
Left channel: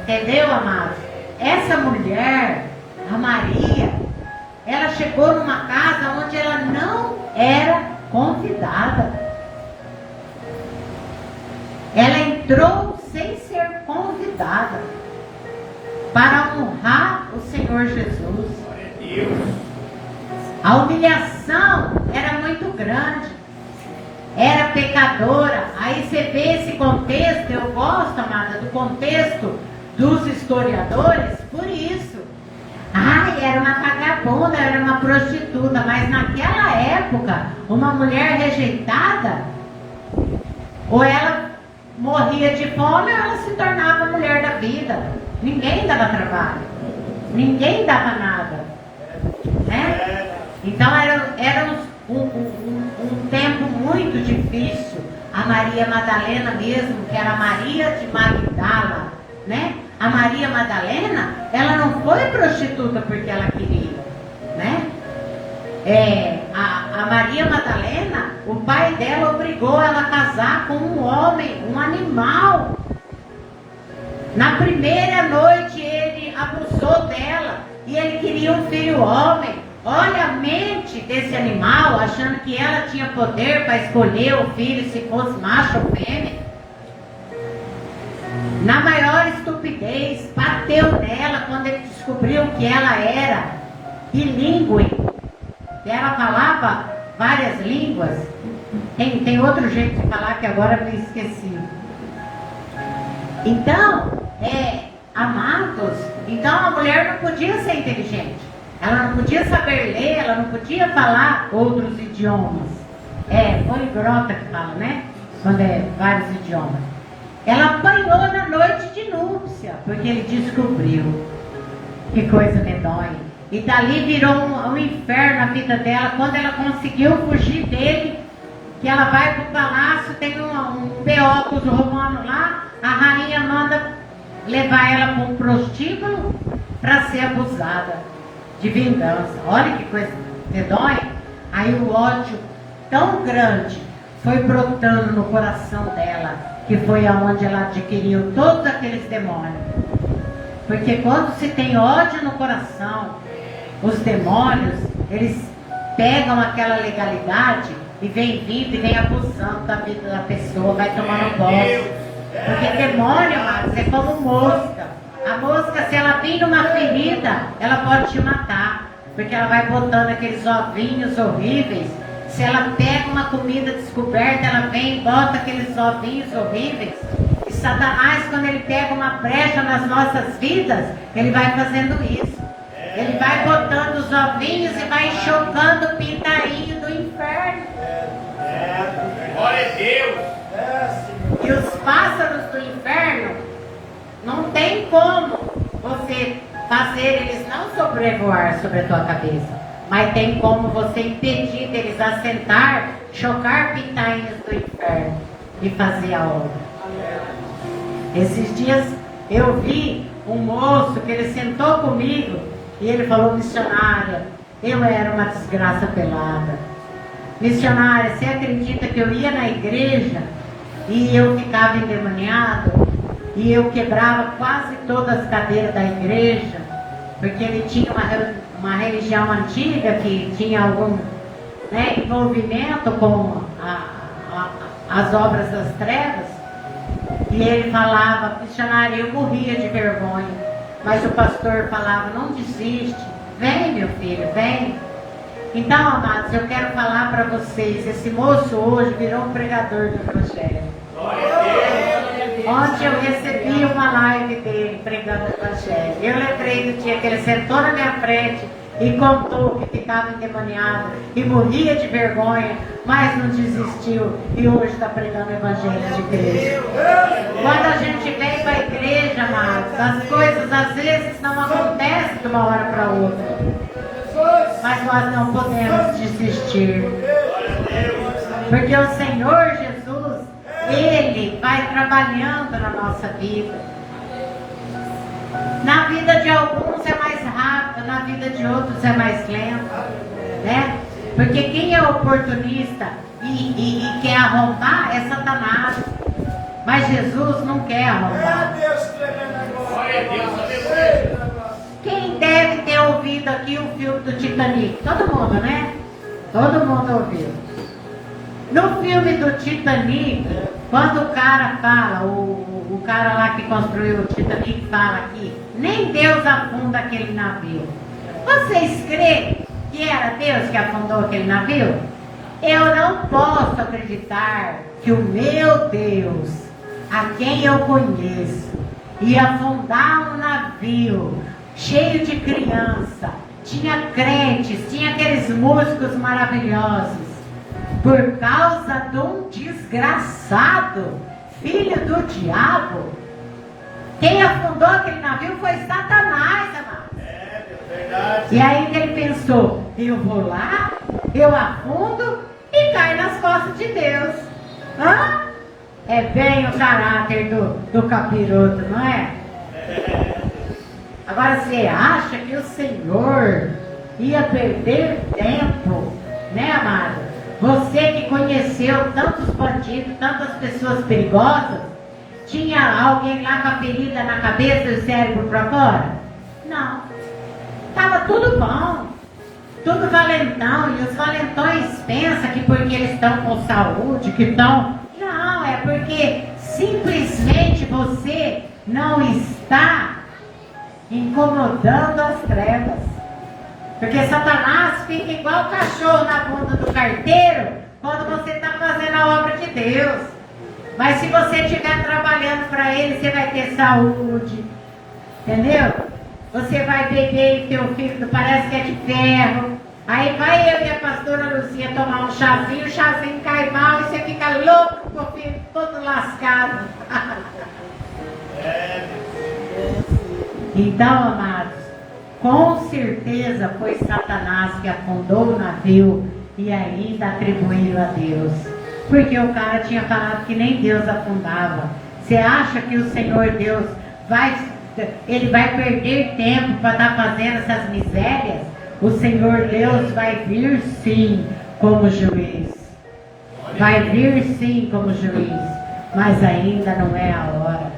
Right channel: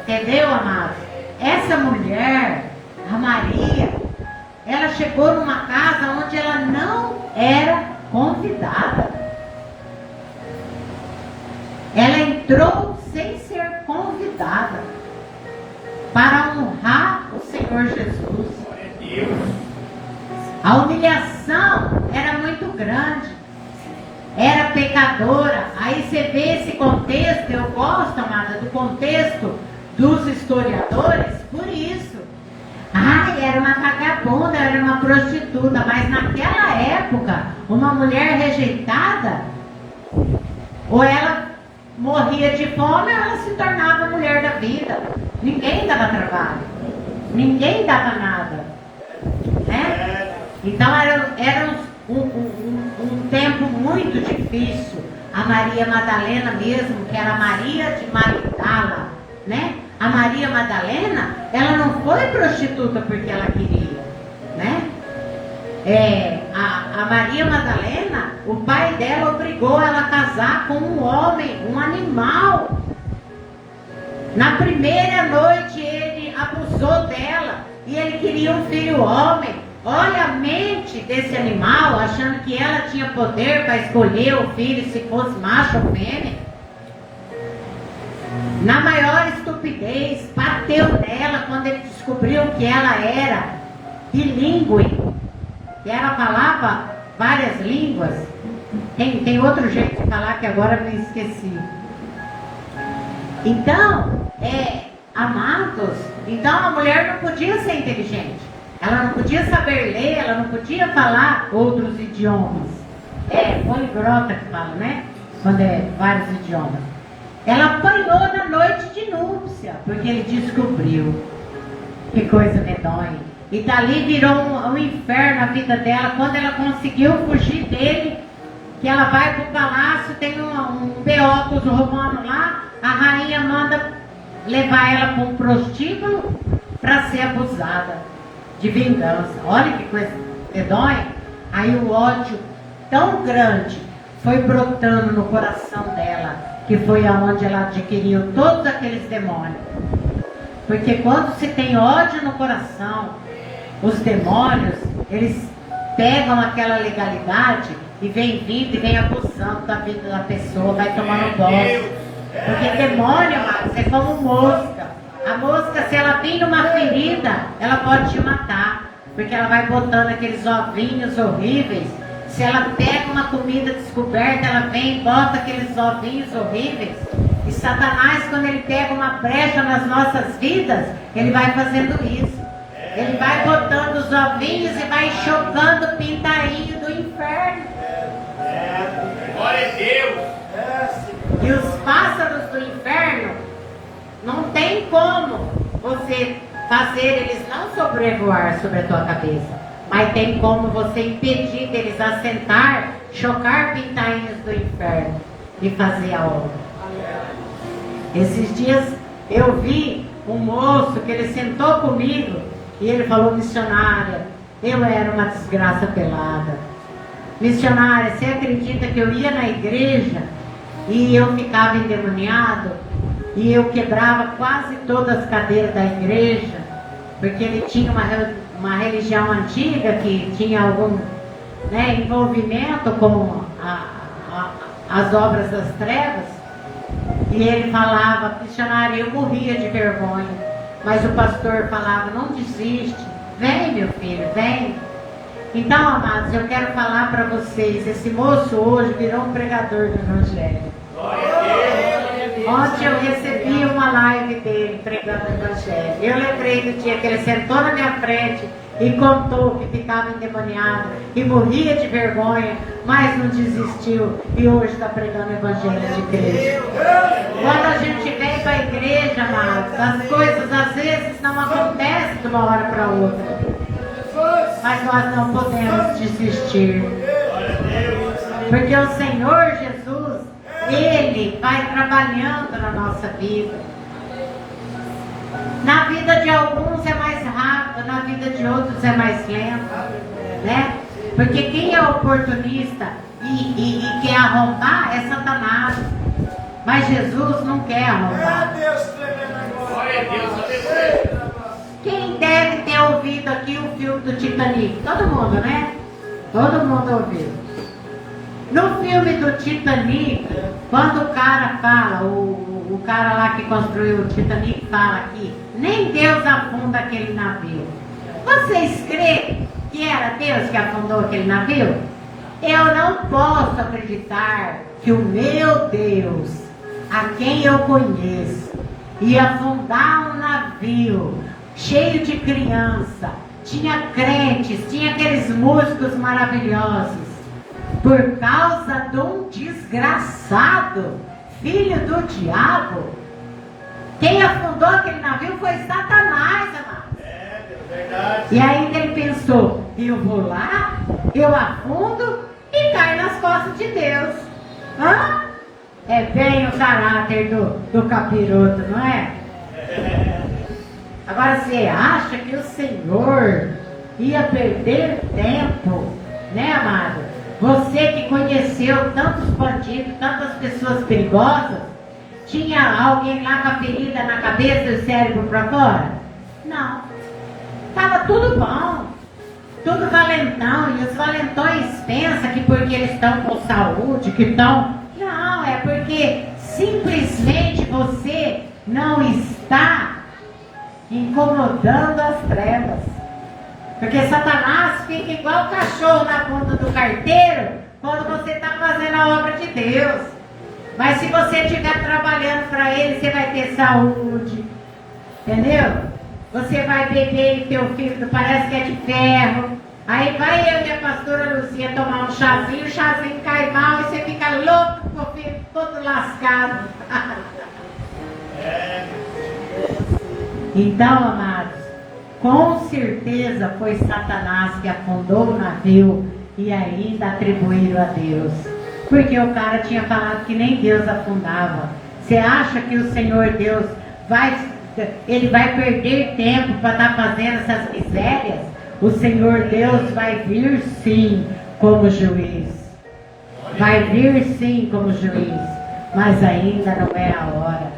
Entendeu, amados? Essa mulher, a Maria, ela chegou numa casa onde ela não era convidada. Ela entrou sem ser convidada para honrar o Senhor Jesus. A humilhação era muito grande. Era pecadora. Aí você vê esse contexto. Eu gosto, amada, do contexto dos historiadores por isso. Era uma vagabunda, era uma prostituta. Mas naquela época, uma mulher rejeitada, ou ela morria de fome, ou ela se tornava mulher da vida. Ninguém dava trabalho, ninguém dava nada. Então era um tempo muito difícil. A Maria Madalena mesmo, que era a Maria de Magdala, né? A Maria Madalena, ela não foi prostituta porque ela queria, né? A Maria Madalena, o pai dela obrigou ela a casar com um homem, um animal. Na primeira noite ele abusou dela e ele queria um filho homem. Olha a mente desse animal, achando que ela tinha poder para escolher o filho se fosse macho ou fêmea. Na maior estupidez, bateu nela quando ele descobriu que ela era bilíngue. Que ela falava várias línguas. Tem outro jeito de falar que agora me esqueci. Então, amados, então a mulher não podia ser inteligente. Ela não podia saber ler, ela não podia falar outros idiomas. Poliglota que fala, né? Quando é vários idiomas. Ela apanhou na noite de núpcia, porque ele descobriu. Que coisa medonha. E dali virou um inferno a vida dela. Quando ela conseguiu fugir dele, que ela vai para o palácio, tem um B.O. com os romanos lá, a rainha manda levar ela para um prostíbulo para ser abusada de vingança. Olha que coisa medonha. Aí o ódio tão grande foi brotando no coração dela, que foi aonde ela adquiriu todos aqueles demônios. Porque quando se tem ódio no coração, os demônios, eles pegam aquela legalidade e vem vindo e vem abusando da vida da pessoa, vai tomando bosta. Porque demônio, mas é como mosca. A mosca, se ela tem numa ferida, ela pode te matar. Porque ela vai botando aqueles ovinhos horríveis. Se ela pega uma comida descoberta, ela vem e bota aqueles ovinhos horríveis. E Satanás, quando ele pega uma brecha nas nossas vidas, ele vai fazendo isso. Ele vai botando os ovinhos e vai chocando o pintainho do inferno. Glória a Deus. E os pássaros do inferno, não tem como você fazer eles não sobrevoar sobre a tua cabeça. Mas tem como você impedir deles assentar, chocar pintainhos do inferno e fazer a obra. Esses dias eu vi um moço que ele sentou comigo. E ele falou: missionária, eu era uma desgraça pelada. Missionária, você acredita que eu ia na igreja e eu ficava endemoniado? E eu quebrava quase todas as cadeiras da igreja, porque ele tinha uma religião antiga que tinha algum envolvimento com as obras das trevas. E ele falava: missionária, eu morria de vergonha. Mas o pastor falava: não desiste, vem meu filho, vem. Então, amados, eu quero falar para vocês, esse moço hoje virou um pregador do evangelho. Ontem eu recebi uma live dele pregando o evangelho. Eu lembrei do dia que ele sentou na minha frente e contou que ficava endemoniado e morria de vergonha, mas não desistiu e hoje está pregando o evangelho de Cristo. Quando a gente vem para a igreja, amados, as coisas às vezes não acontecem de uma hora para outra, mas nós não podemos desistir, porque o Senhor Jesus, Ele vai trabalhando na nossa vida. Na vida de alguns é mais rápido, na vida de outros é mais lento, né? Porque quem é oportunista e quer arrombar é Satanás. Mas Jesus não quer arrombar. Quem deve ter ouvido aqui o filme do Titanic? Todo mundo, né? Todo mundo ouviu. No filme do Titanic, quando o cara fala, o cara lá que construiu o Titanic fala aqui, nem Deus afunda aquele navio. Vocês creem que era Deus que afundou aquele navio? Eu não posso acreditar que o meu Deus, a quem eu conheço, ia afundar um navio cheio de criança, tinha crentes, tinha aqueles músicos maravilhosos, por causa de um desgraçado, filho do diabo. Quem afundou aquele navio foi Satanás, amado. E aí ele pensou pensou, eu vou lá, eu afundo e caio nas costas de Deus. Hã? É bem o caráter do capiroto, não é? Agora você acha que o Senhor ia perder tempo, né, amado? Você que conheceu tantos bandidos, tantas pessoas perigosas, tinha alguém lá com a ferida na cabeça e o cérebro para fora? Não. Estava tudo bom, tudo valentão, e os valentões pensam que porque eles estão com saúde, que estão... Não, é porque simplesmente você não está incomodando as trevas. Porque Satanás fica igual o cachorro na bunda do carteiro quando você está fazendo a obra de Deus. Mas se você estiver trabalhando para ele, você vai ter saúde. Entendeu? Você vai beber e teu filho parece que é de ferro. Aí vai eu e a pastora Luzia tomar um chazinho, o chazinho cai mal e você fica louco com o filho todo lascado. Então, amados, com certeza foi Satanás que afundou o navio e ainda atribuíram a Deus. Porque o cara tinha falado que nem Deus afundava. Você acha que o Senhor Deus ele vai perder tempo para estar fazendo essas misérias? O Senhor Deus vai vir sim como juiz. Vai vir sim como juiz. Mas ainda não é a hora.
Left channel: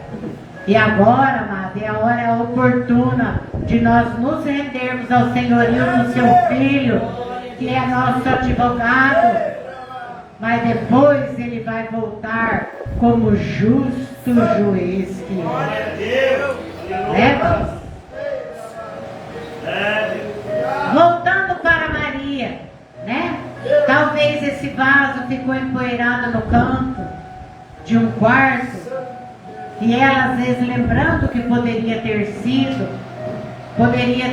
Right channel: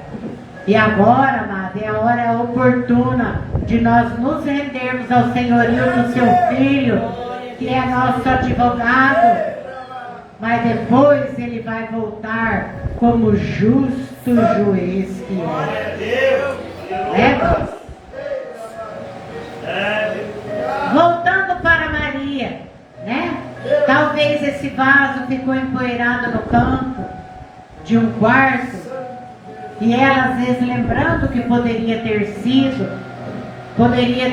E agora, amado, é a hora oportuna de nós nos rendermos ao senhorio do seu Filho, que é nosso advogado. Mas depois ele vai voltar como justo juiz que é. Irmãos? Voltando para Maria, né? Talvez esse vaso ficou empoeirado no canto de um quarto. E ela, às vezes, lembrando que poderia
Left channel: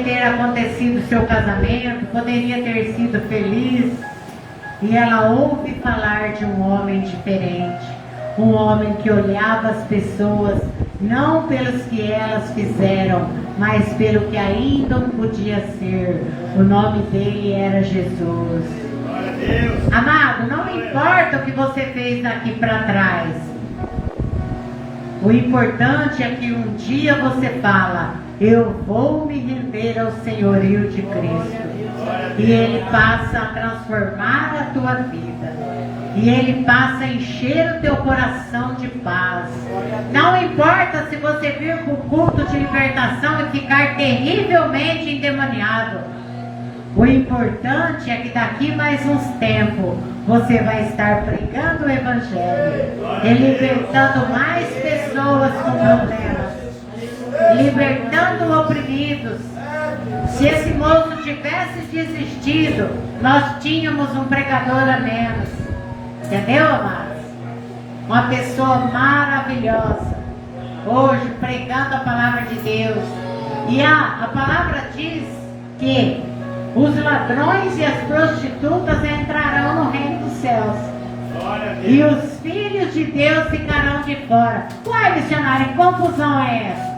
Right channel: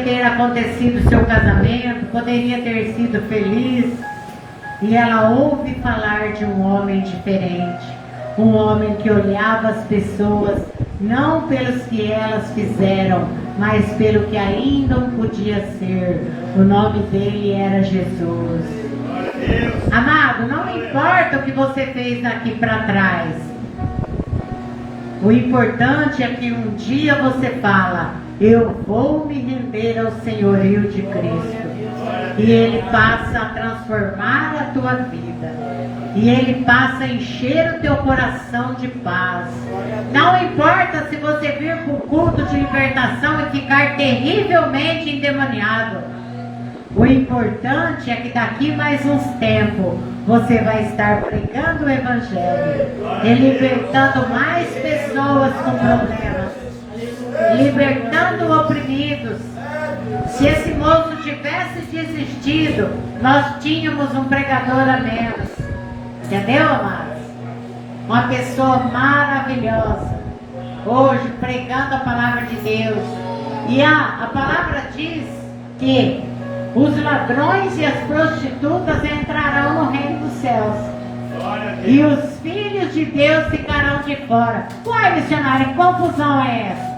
ter acontecido o seu casamento, poderia ter sido feliz. E ela ouve falar de um homem diferente, um homem que olhava as pessoas, não pelos que elas fizeram, mas pelo que ainda não podia ser. O nome dele era Jesus. Amado, não importa o que você fez daqui para trás. O importante é que um dia você fala, eu vou me render ao senhorio de Cristo. E Ele passa a transformar a tua vida. E Ele passa a encher o teu coração de paz. Não importa se você vir para o culto de libertação e ficar terrivelmente endemoniado. O importante é que daqui mais uns tempos você vai estar pregando o Evangelho e libertando mais pessoas com problemas, libertando oprimidos. Se esse moço tivesse desistido, nós tínhamos um pregador a menos. Entendeu, amados? Uma pessoa maravilhosa, hoje pregando a palavra de Deus. E a palavra diz que os ladrões e as prostitutas entrarão no reino dos céus. E os filhos de Deus ficarão de fora. Ué, missionário, que confusão é essa?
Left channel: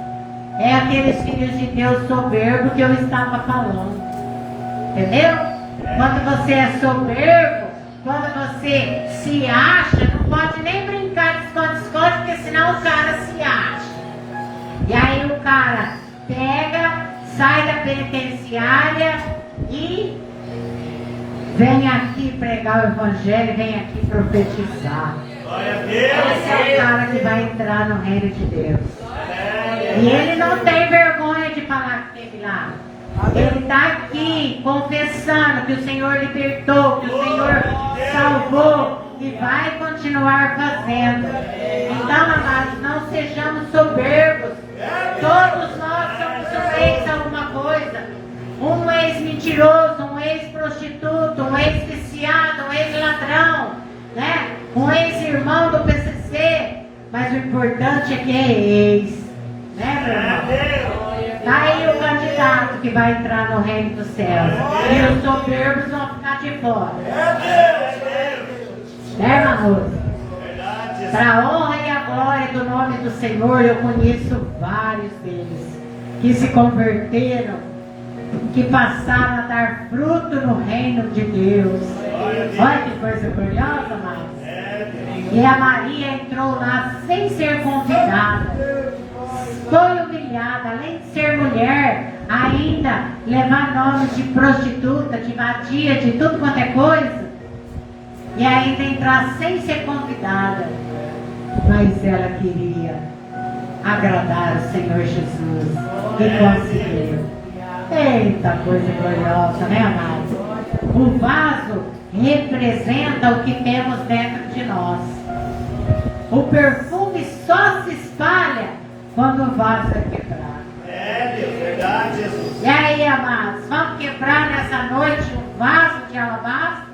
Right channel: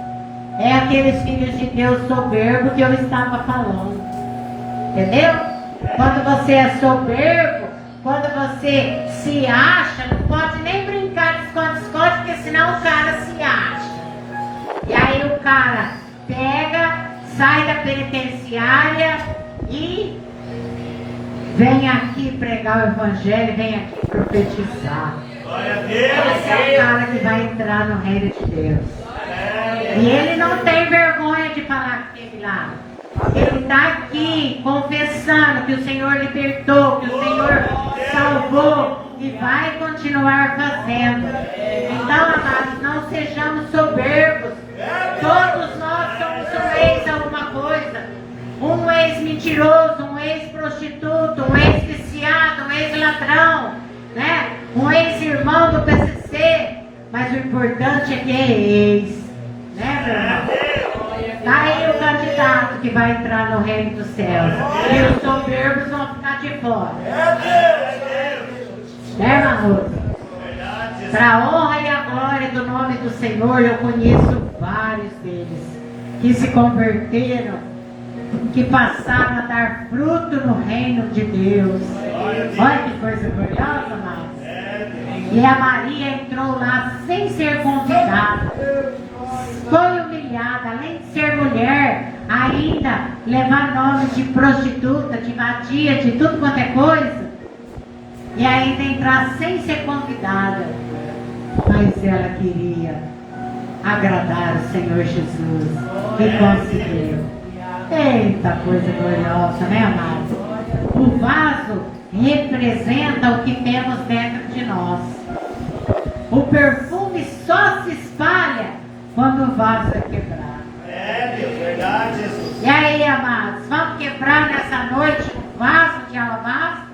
É aqueles filhos de Deus soberbo que eu estava falando. Entendeu? Quando você é soberbo, quando você se acha, não pode nem brincar de esconde-esconde, porque senão o cara se acha. E aí o cara pega, sai da penitenciária e vem aqui pregar o Evangelho, vem aqui profetizar. Esse é o cara que vai entrar no reino de Deus. E ele não tem vergonha de falar que esteve lá. Ele está aqui confessando que o Senhor libertou, que o Senhor salvou e vai continuar fazendo. Então, amados, não sejamos soberbos. Todos nós somos um ex alguma coisa. Um ex-mentiroso, um ex-prostituto, um ex-viciado, um ex-ladrão, né? Um ex-irmão do PCC. Mas o importante é que é ex, né, meu irmão? Está aí o candidato que vai entrar no reino dos céus. E os soberbos vão ficar de fora. Né, irmão? Para a honra e a glória do nome do Senhor, eu conheço vários deles que se converteram que passaram a dar fruto no reino de Deus. Olha que coisa curiosa, amados. E a Maria entrou lá sem ser convidada. Foi humilhada, além de ser mulher, ainda levar nome de prostituta, de vadia, de tudo quanto é coisa. E ainda entrar sem ser convidada. Mas ela queria agradar o Senhor Jesus. E conseguiu. Eita, coisa gloriosa, né, amados? O vaso representa o que temos dentro de nós. O perfume só se espalha quando o vaso é quebrado. E aí, amados, vamos quebrar nessa noite um vaso de alabastro?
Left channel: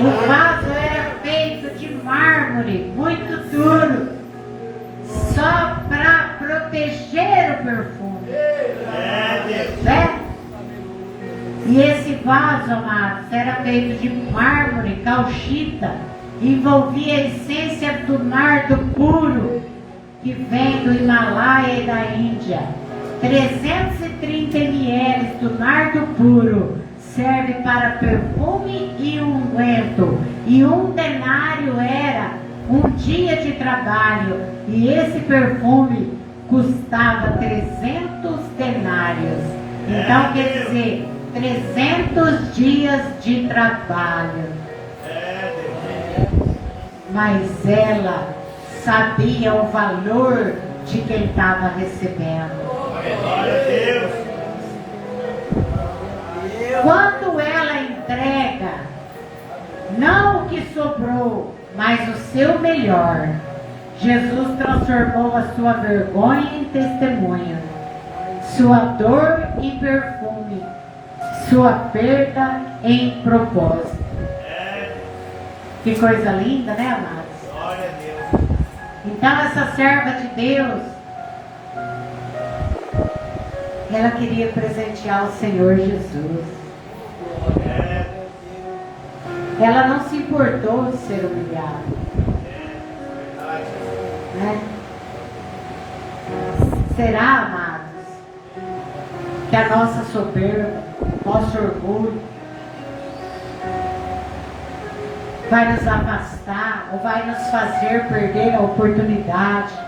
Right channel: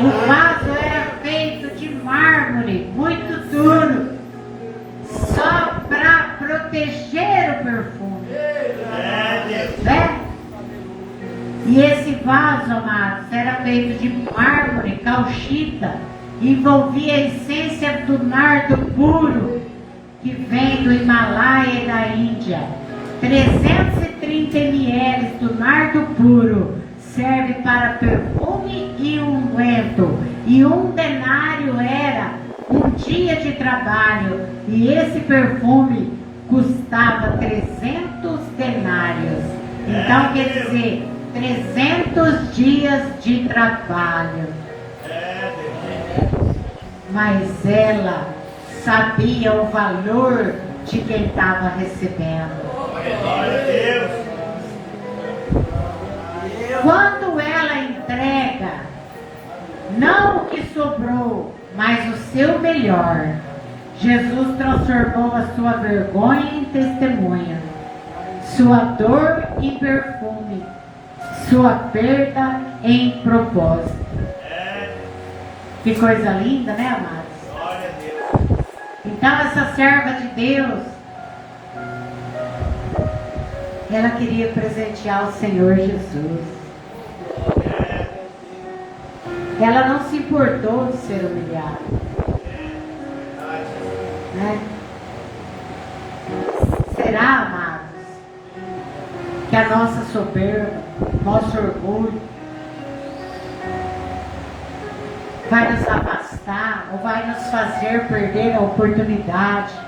O vaso era feito de mármore, muito duro, só para proteger o perfume. Né? E esse vaso, amados, era feito de mármore, cauchita, envolvia a essência do nardo puro, que vem do Himalaia e da Índia. 330 ml do nardo puro serve para perfume e unguento. E um denário era um dia de trabalho. E esse perfume custava 300 denários. Então quer dizer, 300 dias de trabalho. Mas ela sabia o valor de quem estava recebendo. Quando ela entrega, não o que sobrou, mas o seu melhor, Jesus transformou a sua vergonha em testemunho, sua dor em perfume, sua perda em propósito. Que coisa linda, né, amados? Então essa serva de Deus, ela queria presentear o Senhor Jesus. Ela não se importou de ser humilhada, né? Será, amados, que a nossa soberba, nosso orgulho vai nos afastar ou vai nos fazer perder a oportunidade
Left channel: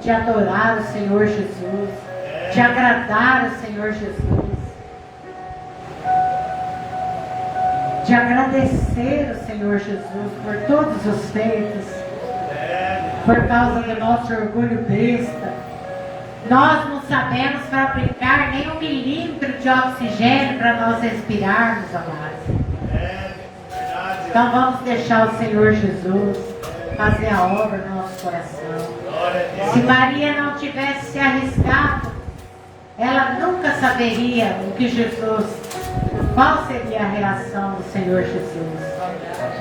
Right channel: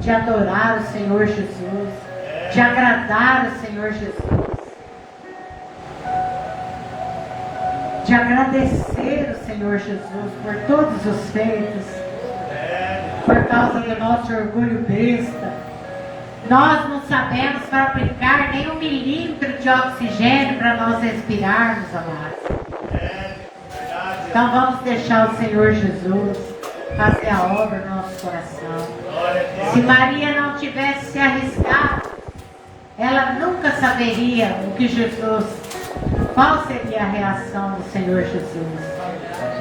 de adorar o Senhor Jesus, de agradar o Senhor Jesus, de agradecer o Senhor Jesus por todos os feitos, por causa do nosso orgulho besta? Nós não sabemos fabricar nem 1 milímetro de oxigênio para nós respirarmos, amados. Então vamos deixar o Senhor Jesus fazer a obra no nosso coração. Se Maria não tivesse se arriscado, ela nunca saberia o que Jesus, qual seria a reação do Senhor Jesus.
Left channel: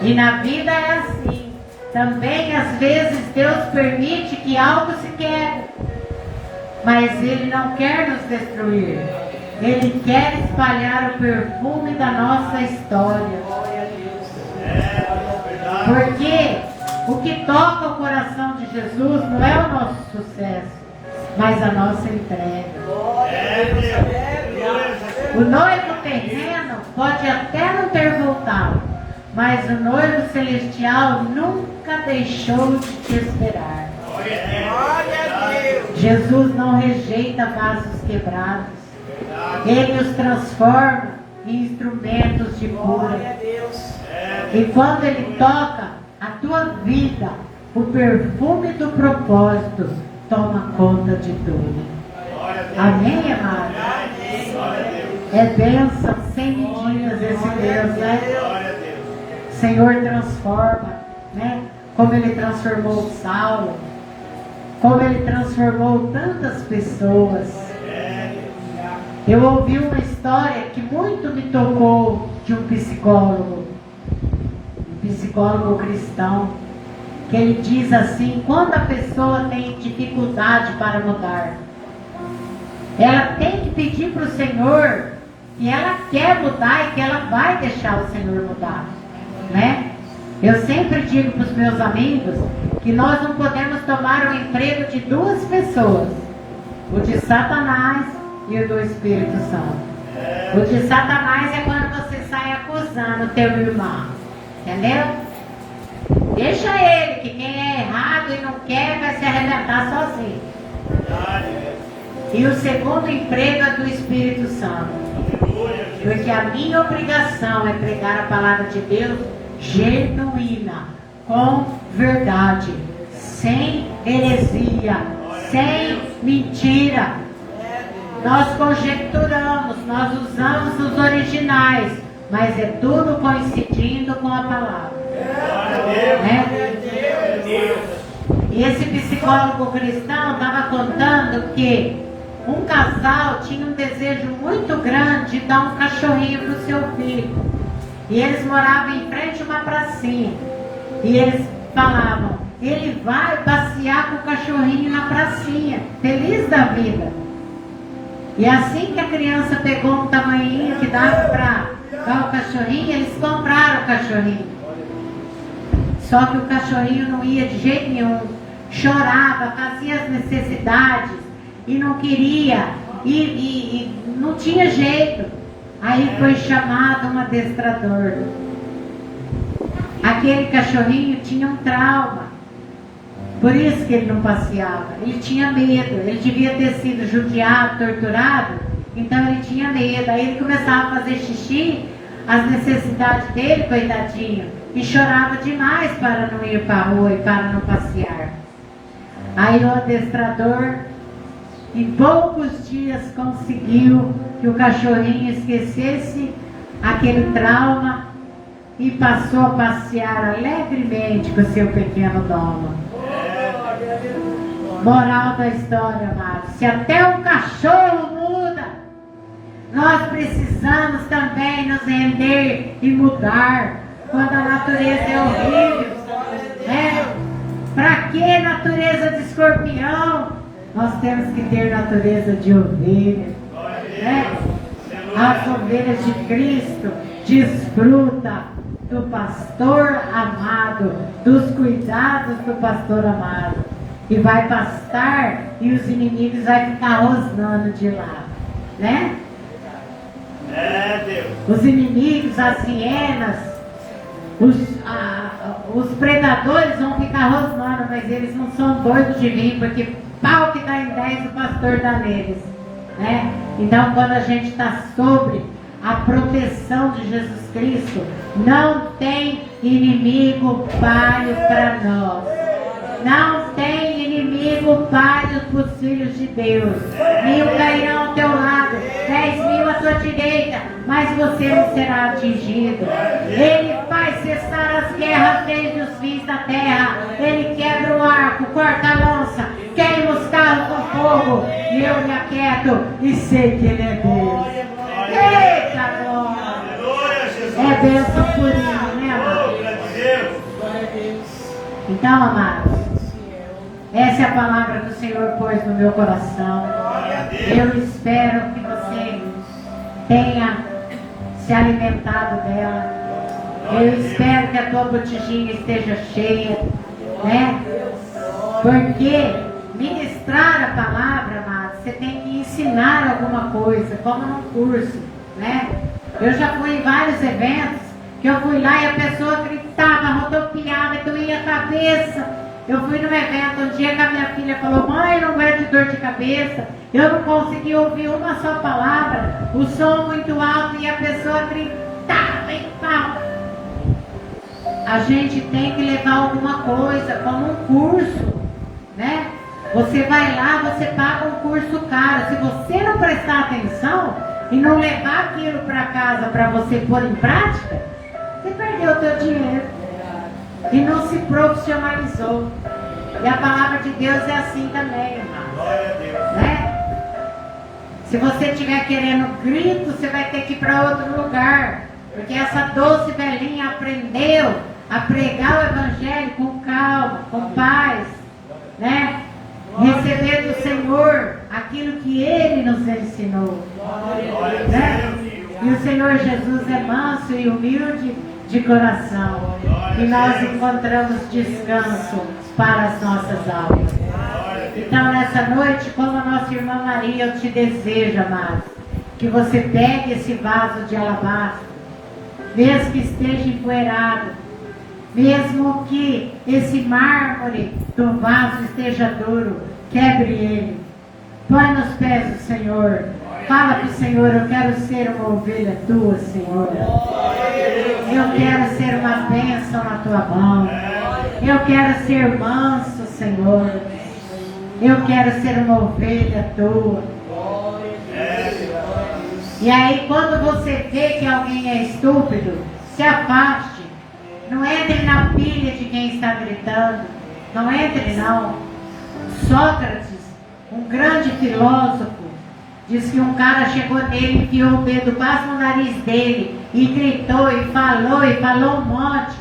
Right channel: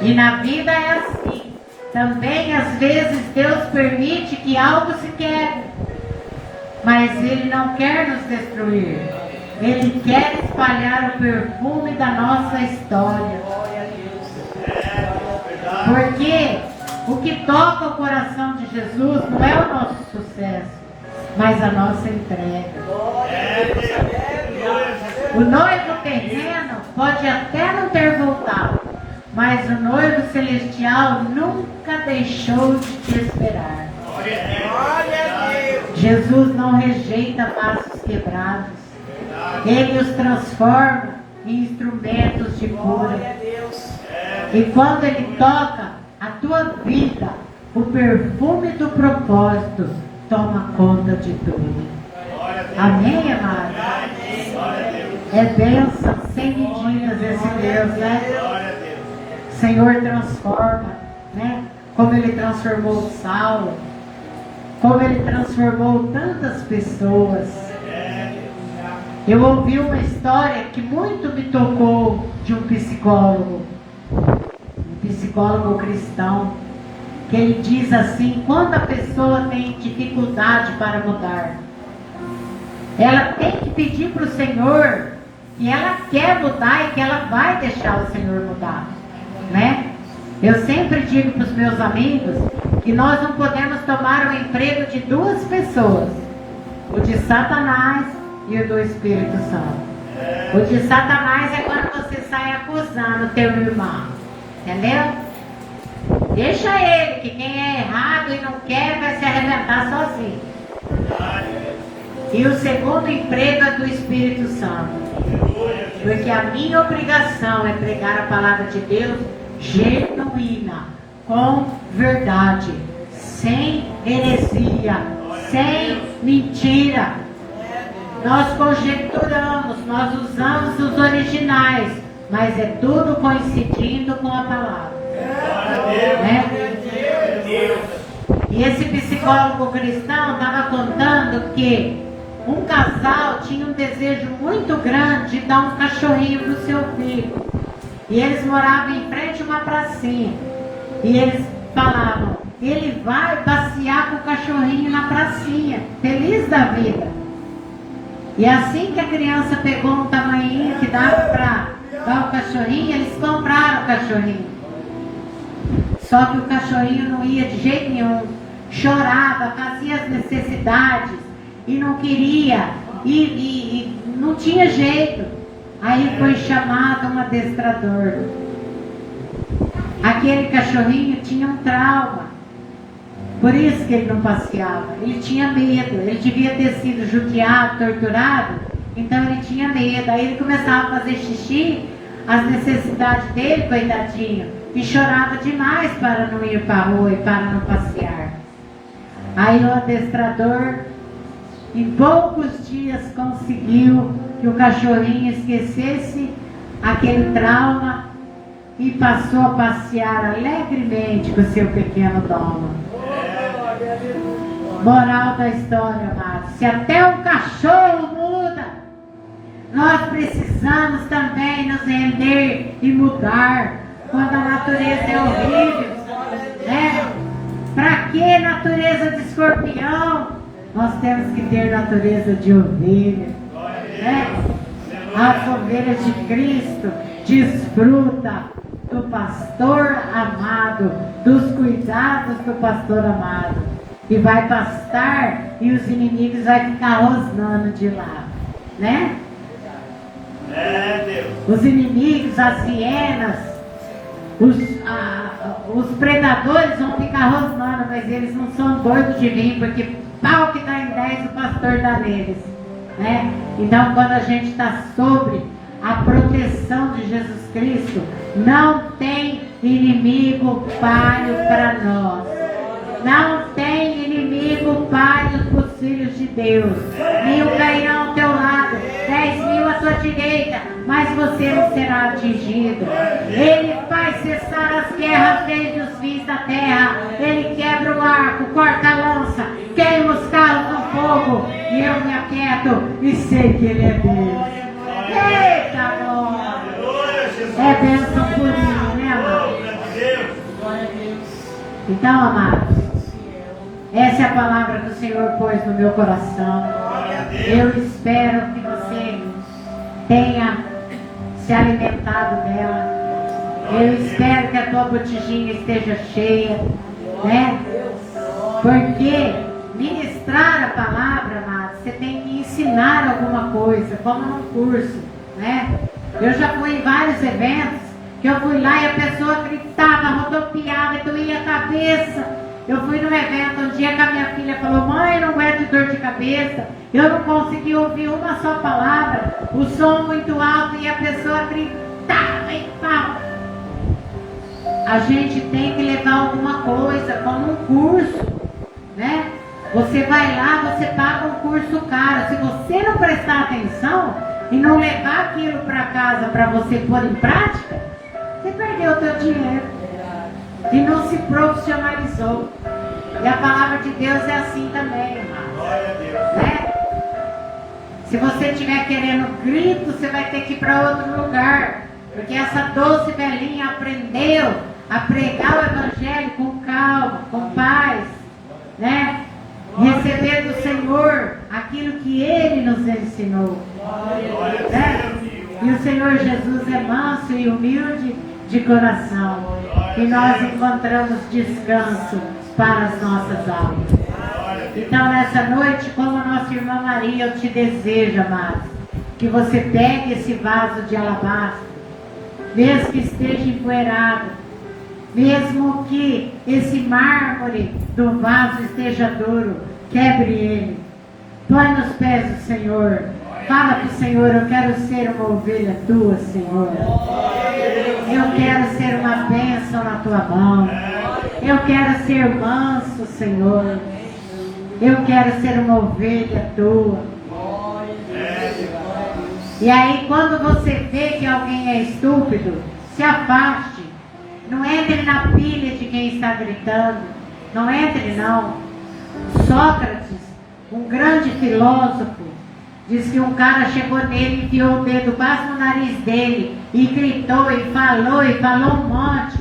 E na vida é assim. Também às vezes Deus permite que algo se quebre, mas Ele não quer nos destruir. Ele quer espalhar o perfume da nossa história. Porque o que toca o coração de Jesus não é o nosso sucesso, mas a nossa entrega. O noivo terreno pode até não ter voltado, mas o noivo celestial nunca deixou de te esperar. Jesus não rejeita vasos quebrados. Ele os transforma em instrumentos de cura. E quando Ele toca a tua vida, o perfume do propósito toma conta de tudo. Amém, amado? É bênção sem medidas esse Deus, né? O Senhor transforma, né? Como Ele transformou Saulo, como Ele transformou tantas pessoas. Eu ouvi uma história que muito me tocou de um psicólogo cristão, que ele diz assim: quando a pessoa tem dificuldade para mudar, ela tem que pedir para o Senhor que ela quer mudar e que ela vai deixar o Senhor mudar, né? Eu sempre digo para os meus amigos que nós não podemos tomar o emprego de duas pessoas, o de Satanás e o do Espírito Santo. O de Satanás é quando você sai acusando o teu irmão. Entendeu? Deixa ele, que quem é errado e não quer vai se arrebentar sozinho. E o segundo emprego é do Espírito Santo. Porque a minha obrigação é pregar a palavra de Deus genuína, com verdade, sem heresia, sem mentira. Nós conjecturamos, nós usamos os originais, mas é tudo coincidindo com a palavra. E esse psicólogo cristão estava contando que um casal tinha um desejo muito grande de dar um cachorrinho para o seu filho. E eles moravam em frente a uma pracinha. E eles falavam, ele vai passear com o cachorrinho na pracinha, feliz da vida. E assim que a criança pegou um tamanhinho que dava para dar o cachorrinho, eles compraram o cachorrinho. Só que o cachorrinho não ia de jeito nenhum. Chorava, fazia as necessidades e não queria. E não tinha jeito. Aí foi chamado um adestrador. Aquele cachorrinho tinha um trauma. Por isso que ele não passeava. Ele tinha medo. Ele devia ter sido judiado, torturado. Então ele tinha medo. Aí ele começava a fazer xixi, as necessidades dele, coitadinho. E chorava demais para não ir para a rua e para não passear. Aí o adestrador, em poucos dias, conseguiu que o cachorrinho esquecesse aquele trauma e passou a passear alegremente com o seu pequeno dono. Moral da história, amados: se até o cachorro muda, nós precisamos também nos render e mudar. Quando a natureza é horrível, né? Para que natureza de escorpião? Nós temos que ter natureza de ovelha, né? As ovelhas de Cristo desfrutam do pastor amado, dos cuidados do pastor amado, e vai pastar e os inimigos vão ficar rosnando de lá, né? Os inimigos, as hienas, os predadores vão ficar rosnando, mas eles não são doidos de vir, porque pau que dá em 10 o pastor dá neles, né? Então, quando a gente está sobre a proteção de Jesus Cristo, não tem inimigo páreo para nós. Não tem inimigo páreo para os filhos de Deus. 1000 cairão ao teu lado, 10.000 à tua direita, mas você não será atingido. Ele faz cessar as guerras desde os fins da terra. Ele quebra o arco, corta a lança, queima os carros no fogo. E eu me aquieto e sei que Ele é Deus. Eita, glória! É bênção por mim, né, amado? Então, amados, essa é a palavra que o Senhor pôs no meu coração. Eu espero que você tenha se alimentado dela. Eu espero que a tua botijinha esteja cheia, né? Porque ministrar a palavra, amado, você tem que ensinar alguma coisa, como num curso, né? Eu já fui em vários eventos que eu fui lá e a pessoa gritava, rodopiava, doía a cabeça. Eu fui num evento um dia que a minha filha falou: mãe, não aguento dor de cabeça. Eu não consegui ouvir uma só palavra, o som muito alto e a pessoa gritava e tal. A gente tem que levar alguma coisa, como um curso, né? Você vai lá, você paga um curso caro. Se você não prestar atenção e não levar aquilo para casa para você pôr em prática, você perdeu o teu dinheiro e não se profissionalizou. E a palavra de Deus é assim também, irmão, né? Se você estiver querendo grito, você vai ter que ir para outro lugar, porque essa doce velhinha aprendeu a pregar o evangelho com calma, com paz, né? Receber do Senhor aquilo que Ele nos ensinou, né? E o Senhor Jesus é manso e humilde de coração, e nós encontramos descanso para as nossas almas. Então, nessa noite, como a nossa irmã Maria, eu te desejo, amado, que você pegue esse vaso de alabastro, mesmo que esteja empoeirado, mesmo que esse mármore do vaso esteja duro, quebre ele. Põe nos pés do Senhor. Fala para o Senhor, eu quero ser uma ovelha tua, Senhor. Eu quero ser uma bênção na tua mão. Eu quero ser manso, Senhor. Eu quero ser uma ovelha tua. E aí, quando você vê que alguém é estúpido, se afaste. Não entre na pilha de quem está gritando. Não entre, não. Sócrates, um grande filósofo, diz que um cara chegou nele, enfiou o dedo quase no nariz dele e gritou e falou um monte.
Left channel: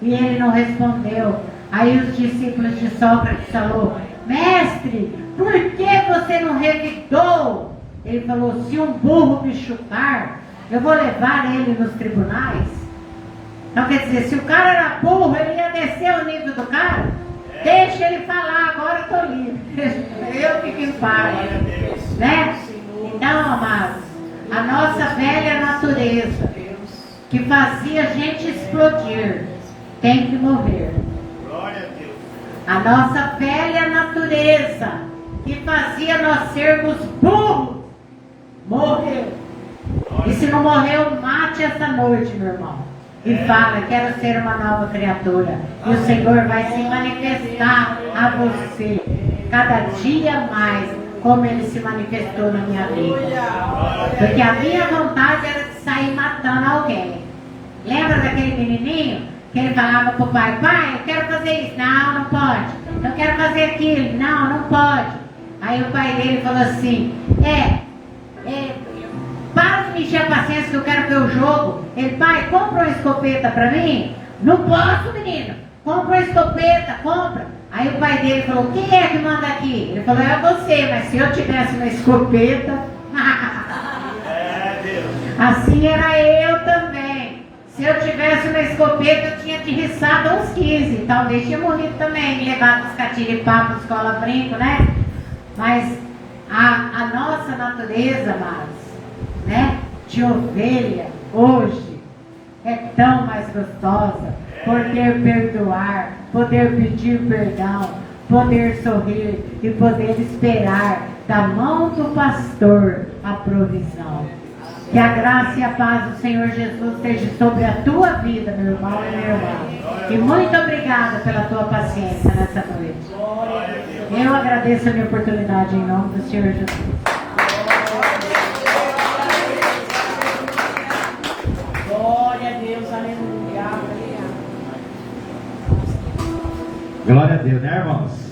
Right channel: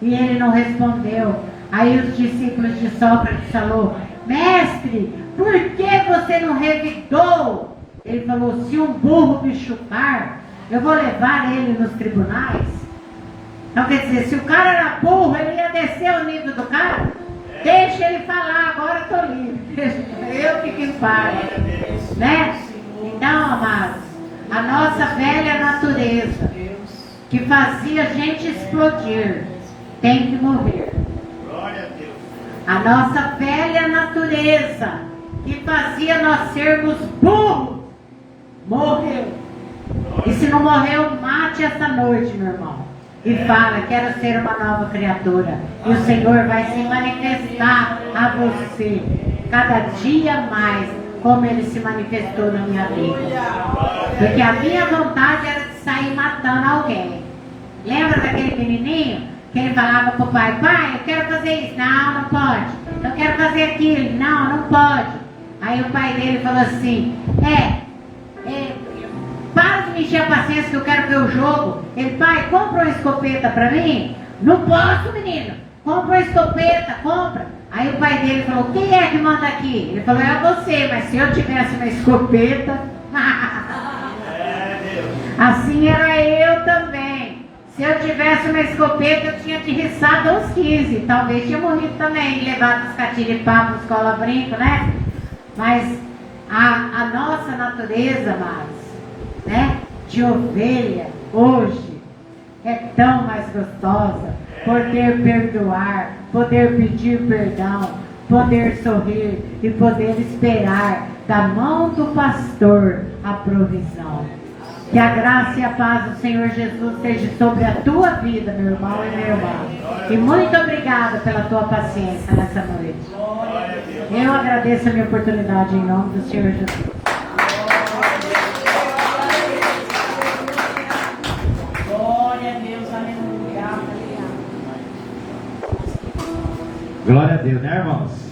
E ele não respondeu. Aí os discípulos de Sócrates falaram: mestre, por que você não revidou? Ele falou: se um burro me chupar, eu vou levar ele nos tribunais. Então quer dizer, se o cara era burro, ele ia descer o nível do cara. Deixa ele falar, agora estou livre. Eu fico em paz. Né? Então, amados, a nossa velha natureza, que fazia a gente explodir, tem que morrer. A nossa velha natureza, que fazia nós sermos burros, morreu. E se não morreu, mate essa noite, meu irmão. E fala: quero ser uma nova criatura. E o Senhor vai se manifestar a você cada dia mais, como Ele se manifestou na minha vida. Porque a minha vontade era de sair matando alguém. Lembra daquele menininho que ele falava para o pai: pai, eu quero fazer isso. Não, não pode. Eu quero fazer aquilo. Não, não pode. Aí o pai dele falou assim: para de me encher a paciência que eu quero ver o jogo. Ele: pai, compra uma escopeta para mim? Não posso, menino. Compra uma escopeta, compra. Aí o pai dele falou: quem é que manda aqui? Ele falou: é você, mas se eu tivesse uma escopeta... assim era eu também. Se eu tivesse uma escopeta, eu tinha te riçado aos 15. Talvez tinha morrido também, levado os catiripapos, escola brinco, né? Mas a nossa natureza, né, de ovelha, hoje, é tão mais gostosa. Poder perdoar, poder pedir perdão, poder sorrir e poder esperar da mão do pastor a provisão. Que a graça e a paz do Senhor Jesus esteja sobre a tua vida, meu irmão e minha irmã. E muito obrigada pela tua paciência nessa noite. Eu agradeço a minha oportunidade em nome do Senhor Jesus. Glória a Deus, aleluia. Glória a Deus, né, irmãos?